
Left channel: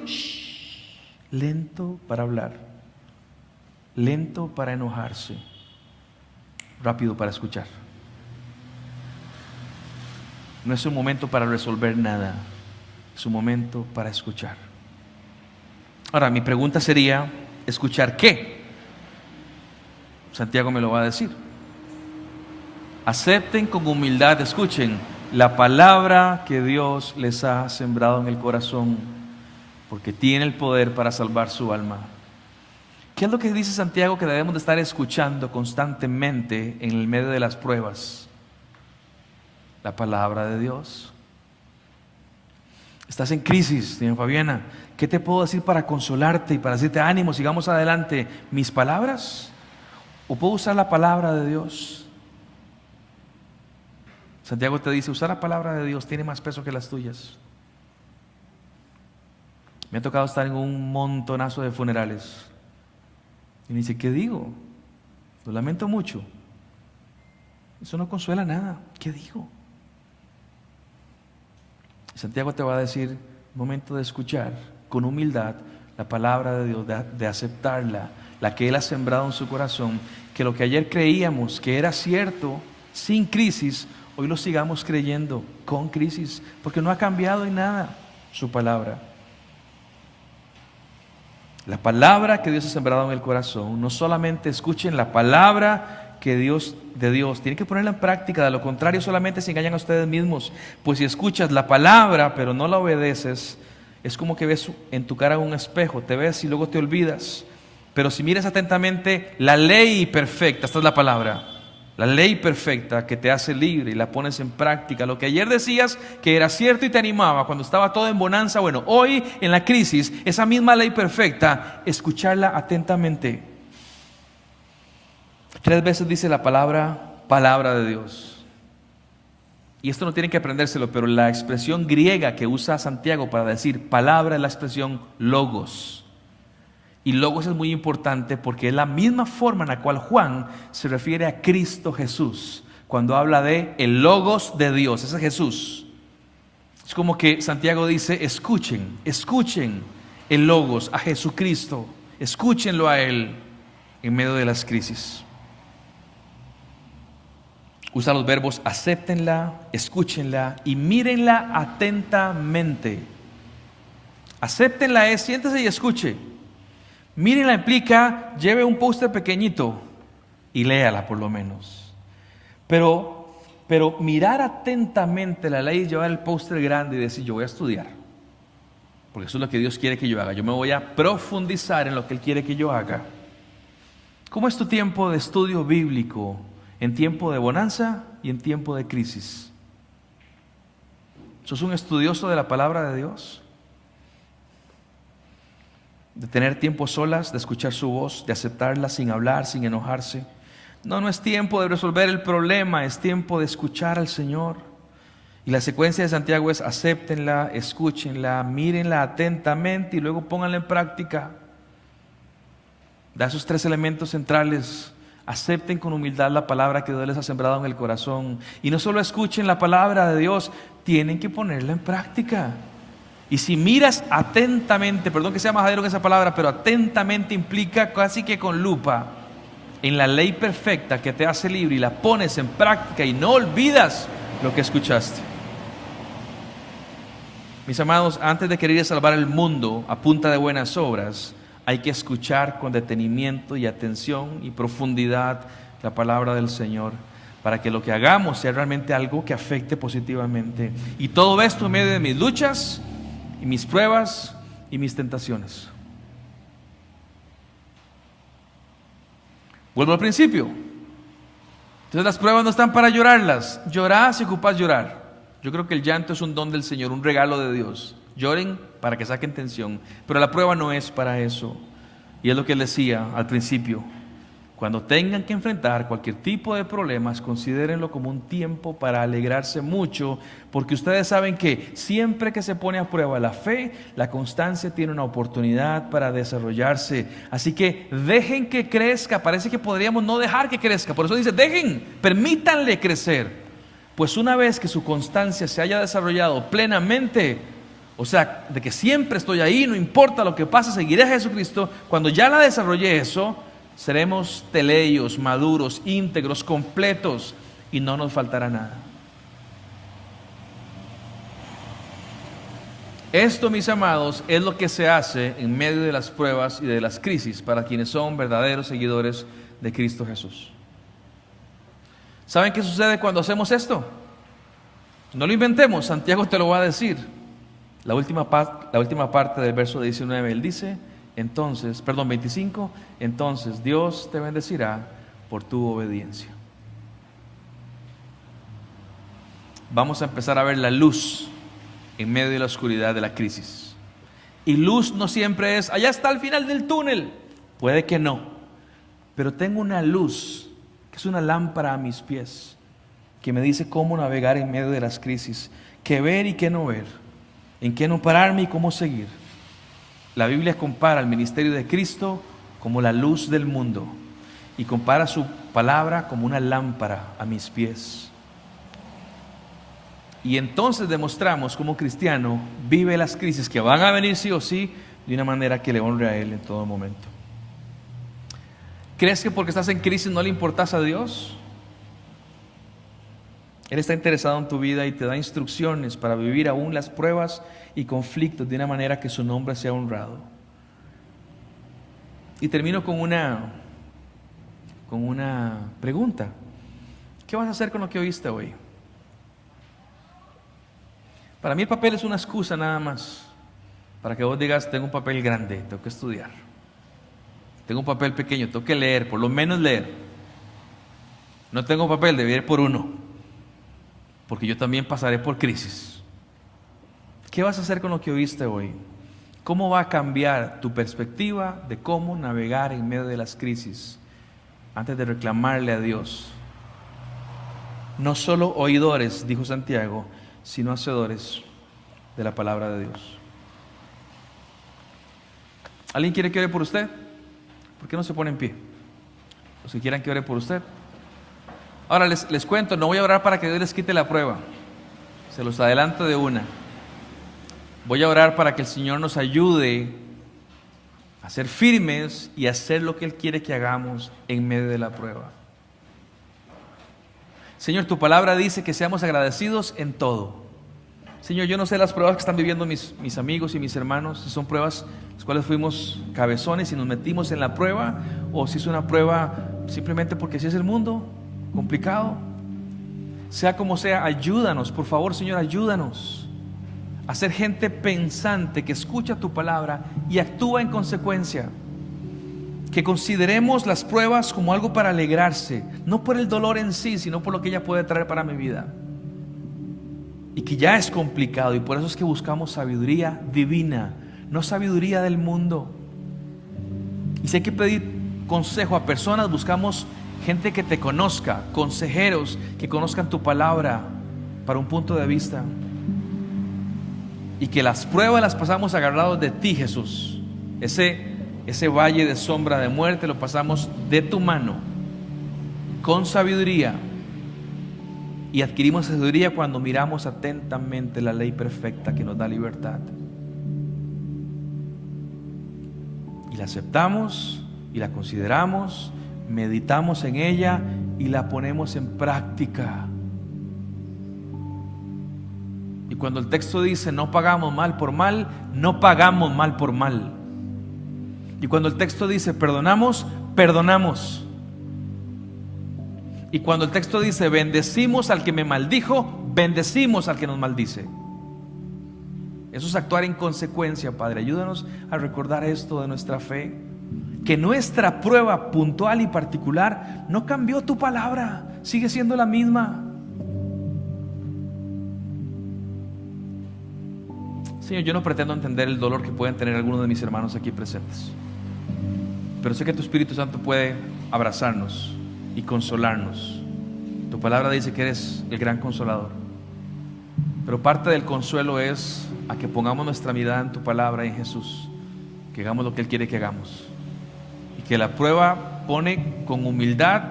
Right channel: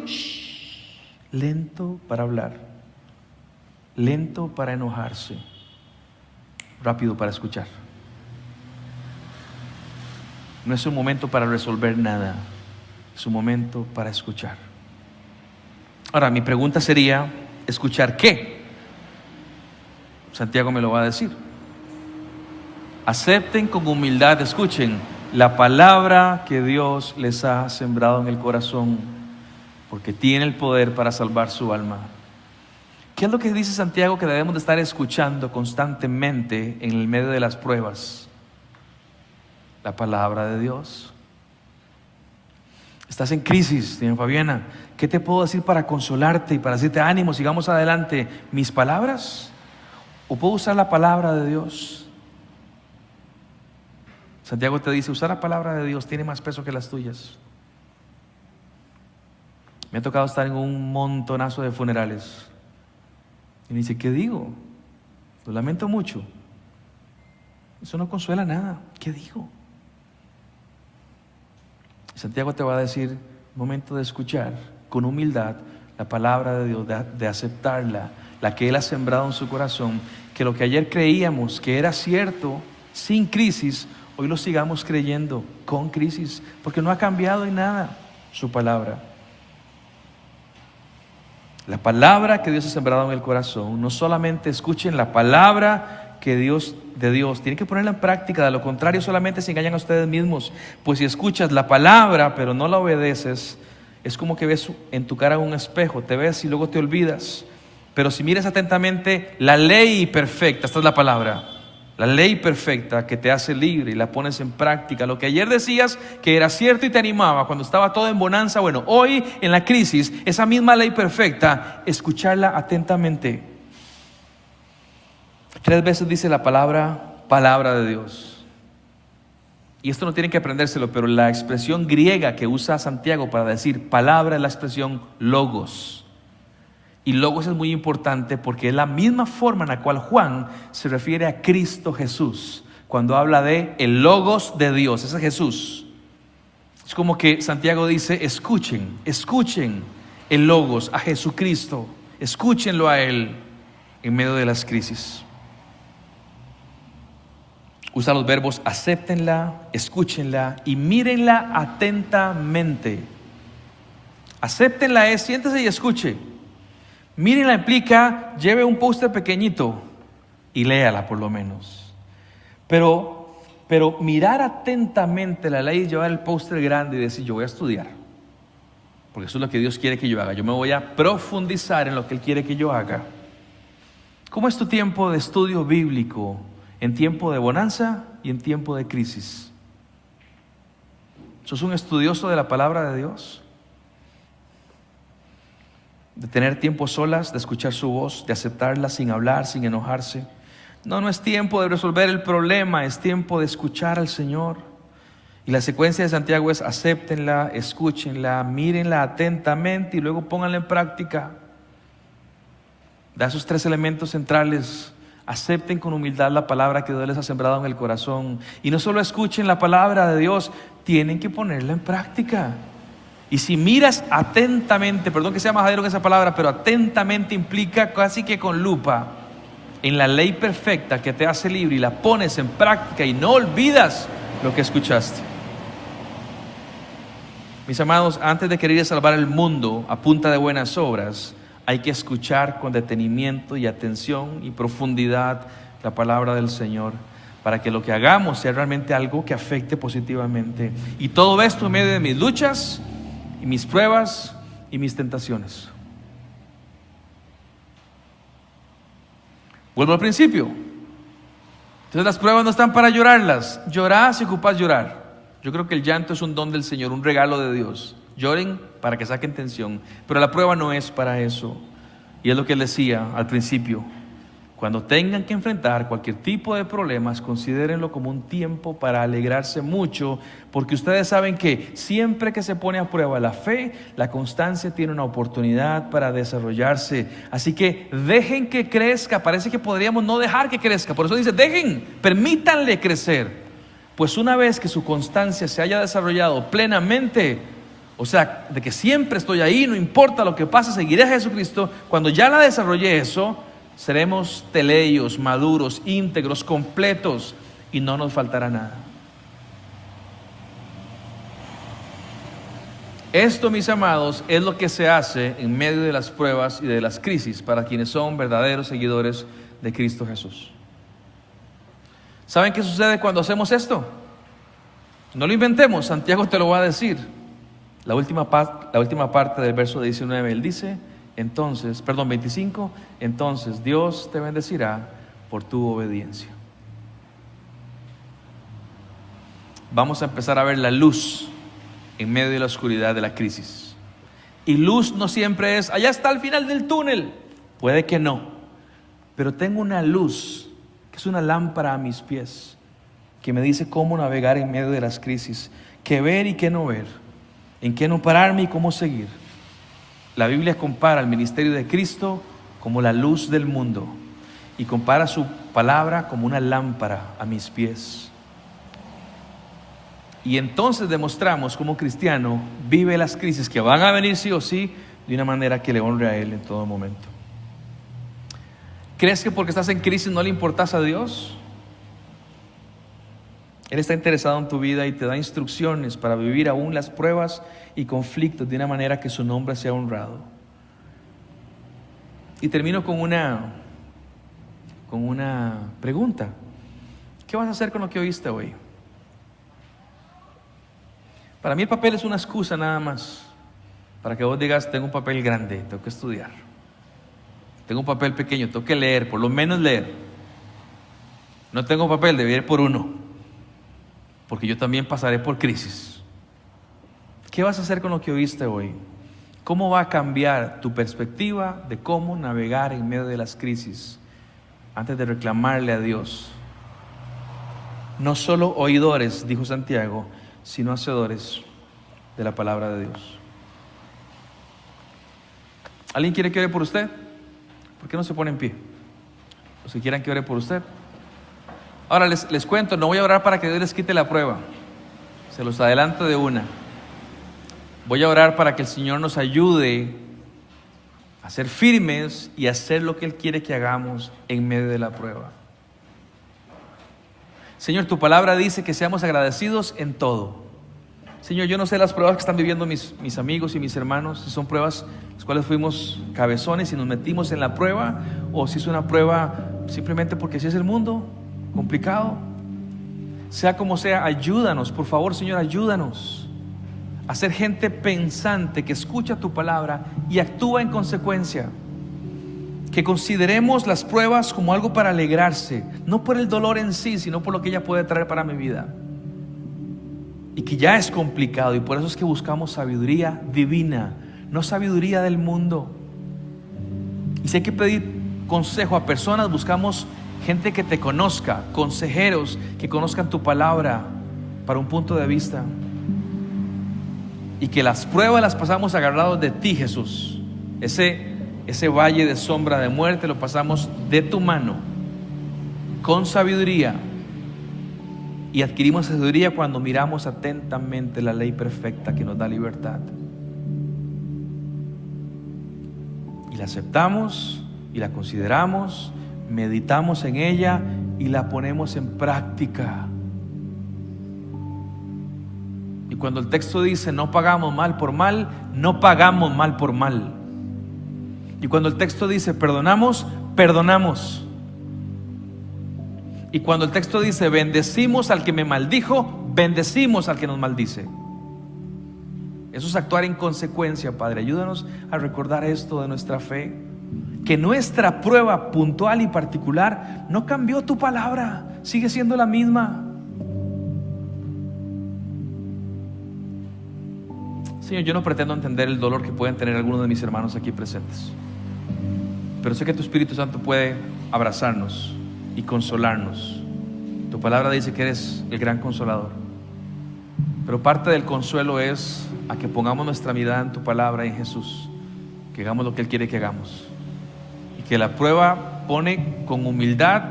lento para hablar, lento para enojarse, rápido para escuchar. No es un momento para resolver nada, es un momento para escuchar. Ahora, mi pregunta sería, ¿escuchar qué? Santiago me lo va a decir. Acepten con humildad, escuchen, la palabra que Dios les ha sembrado en el corazón, porque tiene el poder para salvar su alma. ¿Qué es lo que dice Santiago que debemos de estar escuchando constantemente en el medio de las pruebas? La palabra de Dios. Estás en crisis, señor Fabiana. ¿Qué te puedo decir para consolarte y para decirte ánimo, sigamos adelante? ¿Mis palabras? ¿O puedo usar la palabra de Dios? Santiago te dice, usar la palabra de Dios tiene más peso que las tuyas. Me ha tocado estar en un montonazo de funerales. Y me dice, ¿qué digo? Lo lamento mucho. Eso no consuela nada. ¿Qué digo? Santiago te va a decir, momento de escuchar con humildad la palabra de Dios, de aceptarla, la que Él ha sembrado en su corazón, que lo que ayer creíamos que era cierto, sin crisis, hoy lo sigamos creyendo con crisis, porque no ha cambiado en nada su palabra. La palabra que Dios ha sembrado en el corazón, no solamente escuchen la palabra de Dios, tienen que ponerla en práctica, de lo contrario solamente se engañan a ustedes mismos, pues si escuchas la palabra pero no la obedeces, es como que ves en tu cara un espejo, te ves y luego te olvidas. Pero si miras atentamente la ley perfecta, esta es la palabra, la ley perfecta que te hace libre y la pones en práctica, lo que ayer decías que era cierto y te animaba cuando estaba todo en bonanza, bueno, hoy en la crisis, esa misma ley perfecta, escucharla atentamente. 3 veces dice la palabra de Dios. Y esto no tienen que aprendérselo, pero la expresión griega que usa Santiago para decir palabra es la expresión logos. Y logos es muy importante porque es la misma forma en la cual Juan se refiere a Cristo Jesús cuando habla de el logos de Dios. Ese es Jesús. Es como que Santiago dice, escuchen el logos a Jesucristo, escúchenlo a Él en medio de las crisis. Usa los verbos acéptenla, escúchenla y mírenla atentamente. Acéptenla es siéntese y escuche. Mírenla implica lleve un póster pequeñito y léala por lo menos. Pero mirar atentamente la ley y llevar el póster grande y decir yo voy a estudiar. Porque eso es lo que Dios quiere que yo haga. Yo me voy a profundizar en lo que Él quiere que yo haga. ¿Cómo es tu tiempo de estudio bíblico? En tiempo de bonanza y en tiempo de crisis. ¿Sos un estudioso de la palabra de Dios? De tener tiempo solas, de escuchar su voz, de aceptarla sin hablar, sin enojarse. No es tiempo de resolver el problema, es tiempo de escuchar al Señor. Y la secuencia de Santiago es acéptenla, escúchenla, mírenla atentamente y luego pónganla en práctica. Da esos 3 elementos centrales. Acepten con humildad la palabra que Dios les ha sembrado en el corazón. Y no solo escuchen la palabra de Dios, tienen que ponerla en práctica. Y si miras atentamente, perdón que sea majadero que esa palabra, pero atentamente implica casi que con lupa, en la ley perfecta que te hace libre y la pones en práctica y no olvidas lo que escuchaste. Mis amados, antes de querer salvar el mundo a punta de buenas obras, hay que escuchar con detenimiento y atención y profundidad la palabra del Señor para que lo que hagamos sea realmente algo que afecte positivamente. Y todo esto en medio de mis luchas y mis pruebas y mis tentaciones. Vuelvo al principio. Entonces las pruebas no están para llorarlas. Llorad si ocupas llorar. Yo creo que el llanto es un don del Señor, un regalo de Dios. Lloren para que saquen tensión, pero la prueba no es para eso. Y es lo que les decía al principio: cuando tengan que enfrentar cualquier tipo de problemas, considérenlo como un tiempo para alegrarse mucho, porque ustedes saben que siempre que se pone a prueba la fe, la constancia tiene una oportunidad para desarrollarse. Así que dejen que crezca. Parece que podríamos no dejar que crezca, por eso dice permítanle crecer, pues una vez que su constancia se haya desarrollado plenamente, o sea, de que siempre estoy ahí, no importa lo que pase, seguiré a Jesucristo. Cuando ya la desarrollé eso, seremos teleios, maduros, íntegros, completos y no nos faltará nada. Esto, mis amados, es lo que se hace en medio de las pruebas y de las crisis para quienes son verdaderos seguidores de Cristo Jesús. ¿Saben qué sucede cuando hacemos esto? No lo inventemos, Santiago te lo va a decir. La última parte del verso 19, él dice, 25, entonces Dios te bendecirá por tu obediencia. Vamos a empezar a ver la luz en medio de la oscuridad de la crisis. Y luz no siempre es, allá está al final del túnel. Puede que no, pero tengo una luz que es una lámpara a mis pies, que me dice cómo navegar en medio de las crisis, qué ver y qué no ver, en qué no pararme y cómo seguir. La Biblia compara el ministerio de Cristo como la luz del mundo y compara su palabra como una lámpara a mis pies. Y entonces demostramos cómo cristiano vive las crisis que van a venir sí o sí de una manera que le honre a Él en todo momento. ¿Crees que porque estás en crisis no le importas a Dios? Él está interesado en tu vida y te da instrucciones para vivir aún las pruebas y conflictos de una manera que su nombre sea honrado. Y termino con una pregunta. ¿Qué vas a hacer con lo que oíste hoy? Para mí el papel es una excusa nada más, para que vos digas, tengo un papel grande, tengo que estudiar. Tengo un papel pequeño, tengo que leer, por lo menos leer. No tengo papel, debo ir por uno, porque yo también pasaré por crisis. ¿Qué vas a hacer con lo que oíste hoy? ¿Cómo va a cambiar tu perspectiva de cómo navegar en medio de las crisis antes de reclamarle a Dios? No solo oidores, dijo Santiago, sino hacedores de la palabra de Dios. ¿Alguien quiere que ore por usted? ¿Por qué no se pone en pie? Los que quieran que ore por usted. Ahora les cuento, no voy a orar para que Dios les quite la prueba. Se los adelanto de una. Voy a orar para que el Señor nos ayude a ser firmes y a hacer lo que Él quiere que hagamos en medio de la prueba. Señor, tu palabra dice que seamos agradecidos en todo. Señor, yo no sé las pruebas que están viviendo mis amigos y mis hermanos, si son pruebas las cuales fuimos cabezones y nos metimos en la prueba, o si es una prueba simplemente porque así es el mundo, complicado. Sea como sea, ayúdanos, por favor, Señor, ayúdanos a ser gente pensante que escucha tu palabra y actúa en consecuencia. Que consideremos las pruebas como algo para alegrarse, no por el dolor en sí, sino por lo que ella puede traer para mi vida. Y que ya es complicado, y por eso es que buscamos sabiduría divina, no sabiduría del mundo. Y si hay que pedir consejo a personas, buscamos gente que te conozca, consejeros que conozcan tu palabra para un punto de vista. Y que las pruebas las pasamos agarrados de ti, Jesús. Ese valle de sombra de muerte lo pasamos de tu mano, con sabiduría. Y adquirimos sabiduría cuando miramos atentamente la ley perfecta que nos da libertad. Y la aceptamos y la consideramos, meditamos en ella y la ponemos en práctica. Y cuando el texto dice no pagamos mal por mal, no pagamos mal por mal. Y cuando el texto dice perdonamos, perdonamos. Y cuando el texto dice bendecimos al que me maldijo, bendecimos al que nos maldice. Eso es actuar en consecuencia, Padre. Ayúdanos a recordar esto de nuestra fe. Que nuestra prueba puntual y particular no cambió tu palabra, sigue siendo la misma. Señor, yo no pretendo entender el dolor que pueden tener algunos de mis hermanos aquí presentes, pero sé que tu Espíritu Santo puede abrazarnos y consolarnos. Tu palabra dice que eres el gran consolador, pero parte del consuelo es a que pongamos nuestra mirada en tu palabra y en Jesús, que hagamos lo que Él quiere que hagamos, y que la prueba pone con humildad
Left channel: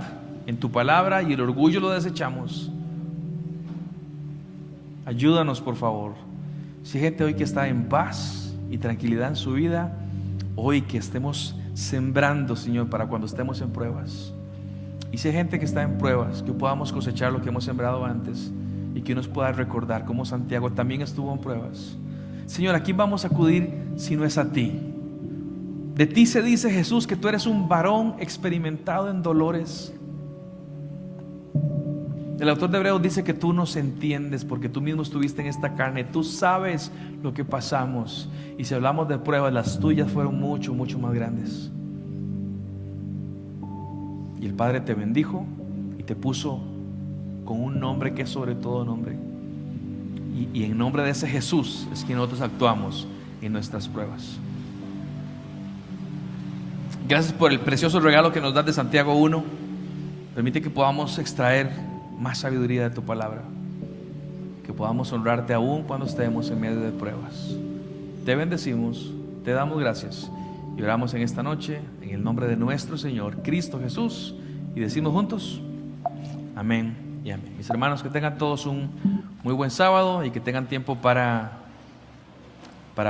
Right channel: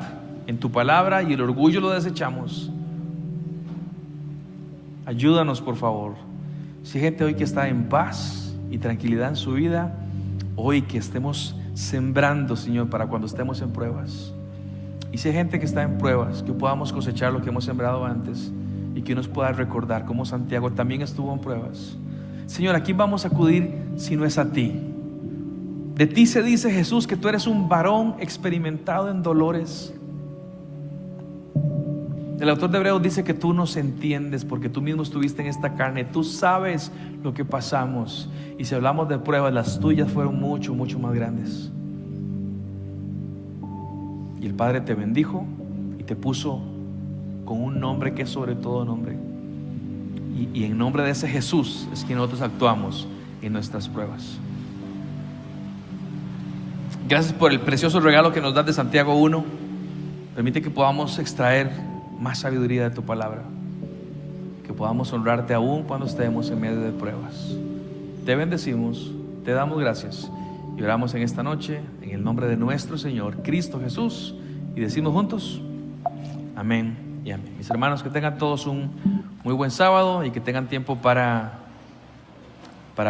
en tu palabra y el orgullo lo desechamos. Ayúdanos, por favor. Si hay gente hoy que está en paz y tranquilidad en su vida, hoy que estemos sembrando, Señor, para cuando estemos en pruebas. Y si hay gente que está en pruebas, que podamos cosechar lo que hemos sembrado antes y que nos pueda recordar cómo Santiago también estuvo en pruebas. Señor, ¿a quién vamos a acudir si no es a ti? De ti se dice, Jesús, que tú eres un varón experimentado en dolores. El autor de Hebreos dice que tú nos entiendes porque tú mismo estuviste en esta carne. Tú sabes lo que pasamos. Y si hablamos de pruebas, las tuyas fueron mucho, mucho más grandes. Y el Padre te bendijo y te puso con un nombre que es sobre todo nombre. Y en nombre de ese Jesús es que nosotros actuamos en nuestras pruebas. Gracias por el precioso regalo que nos das de Santiago 1. Permite que podamos extraer más sabiduría de tu palabra, que podamos honrarte aún cuando estemos en medio de pruebas. Te bendecimos, te damos gracias y oramos en esta noche en el nombre de nuestro Señor Cristo Jesús y decimos juntos, amén y amén. Mis hermanos, que tengan todos un muy buen sábado y que tengan tiempo para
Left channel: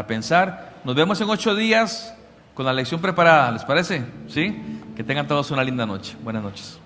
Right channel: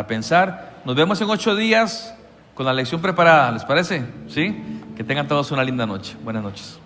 pensar. Nos vemos en 8 días con la lección preparada, ¿les parece? ¿Sí? Que tengan todos una linda noche. Buenas noches.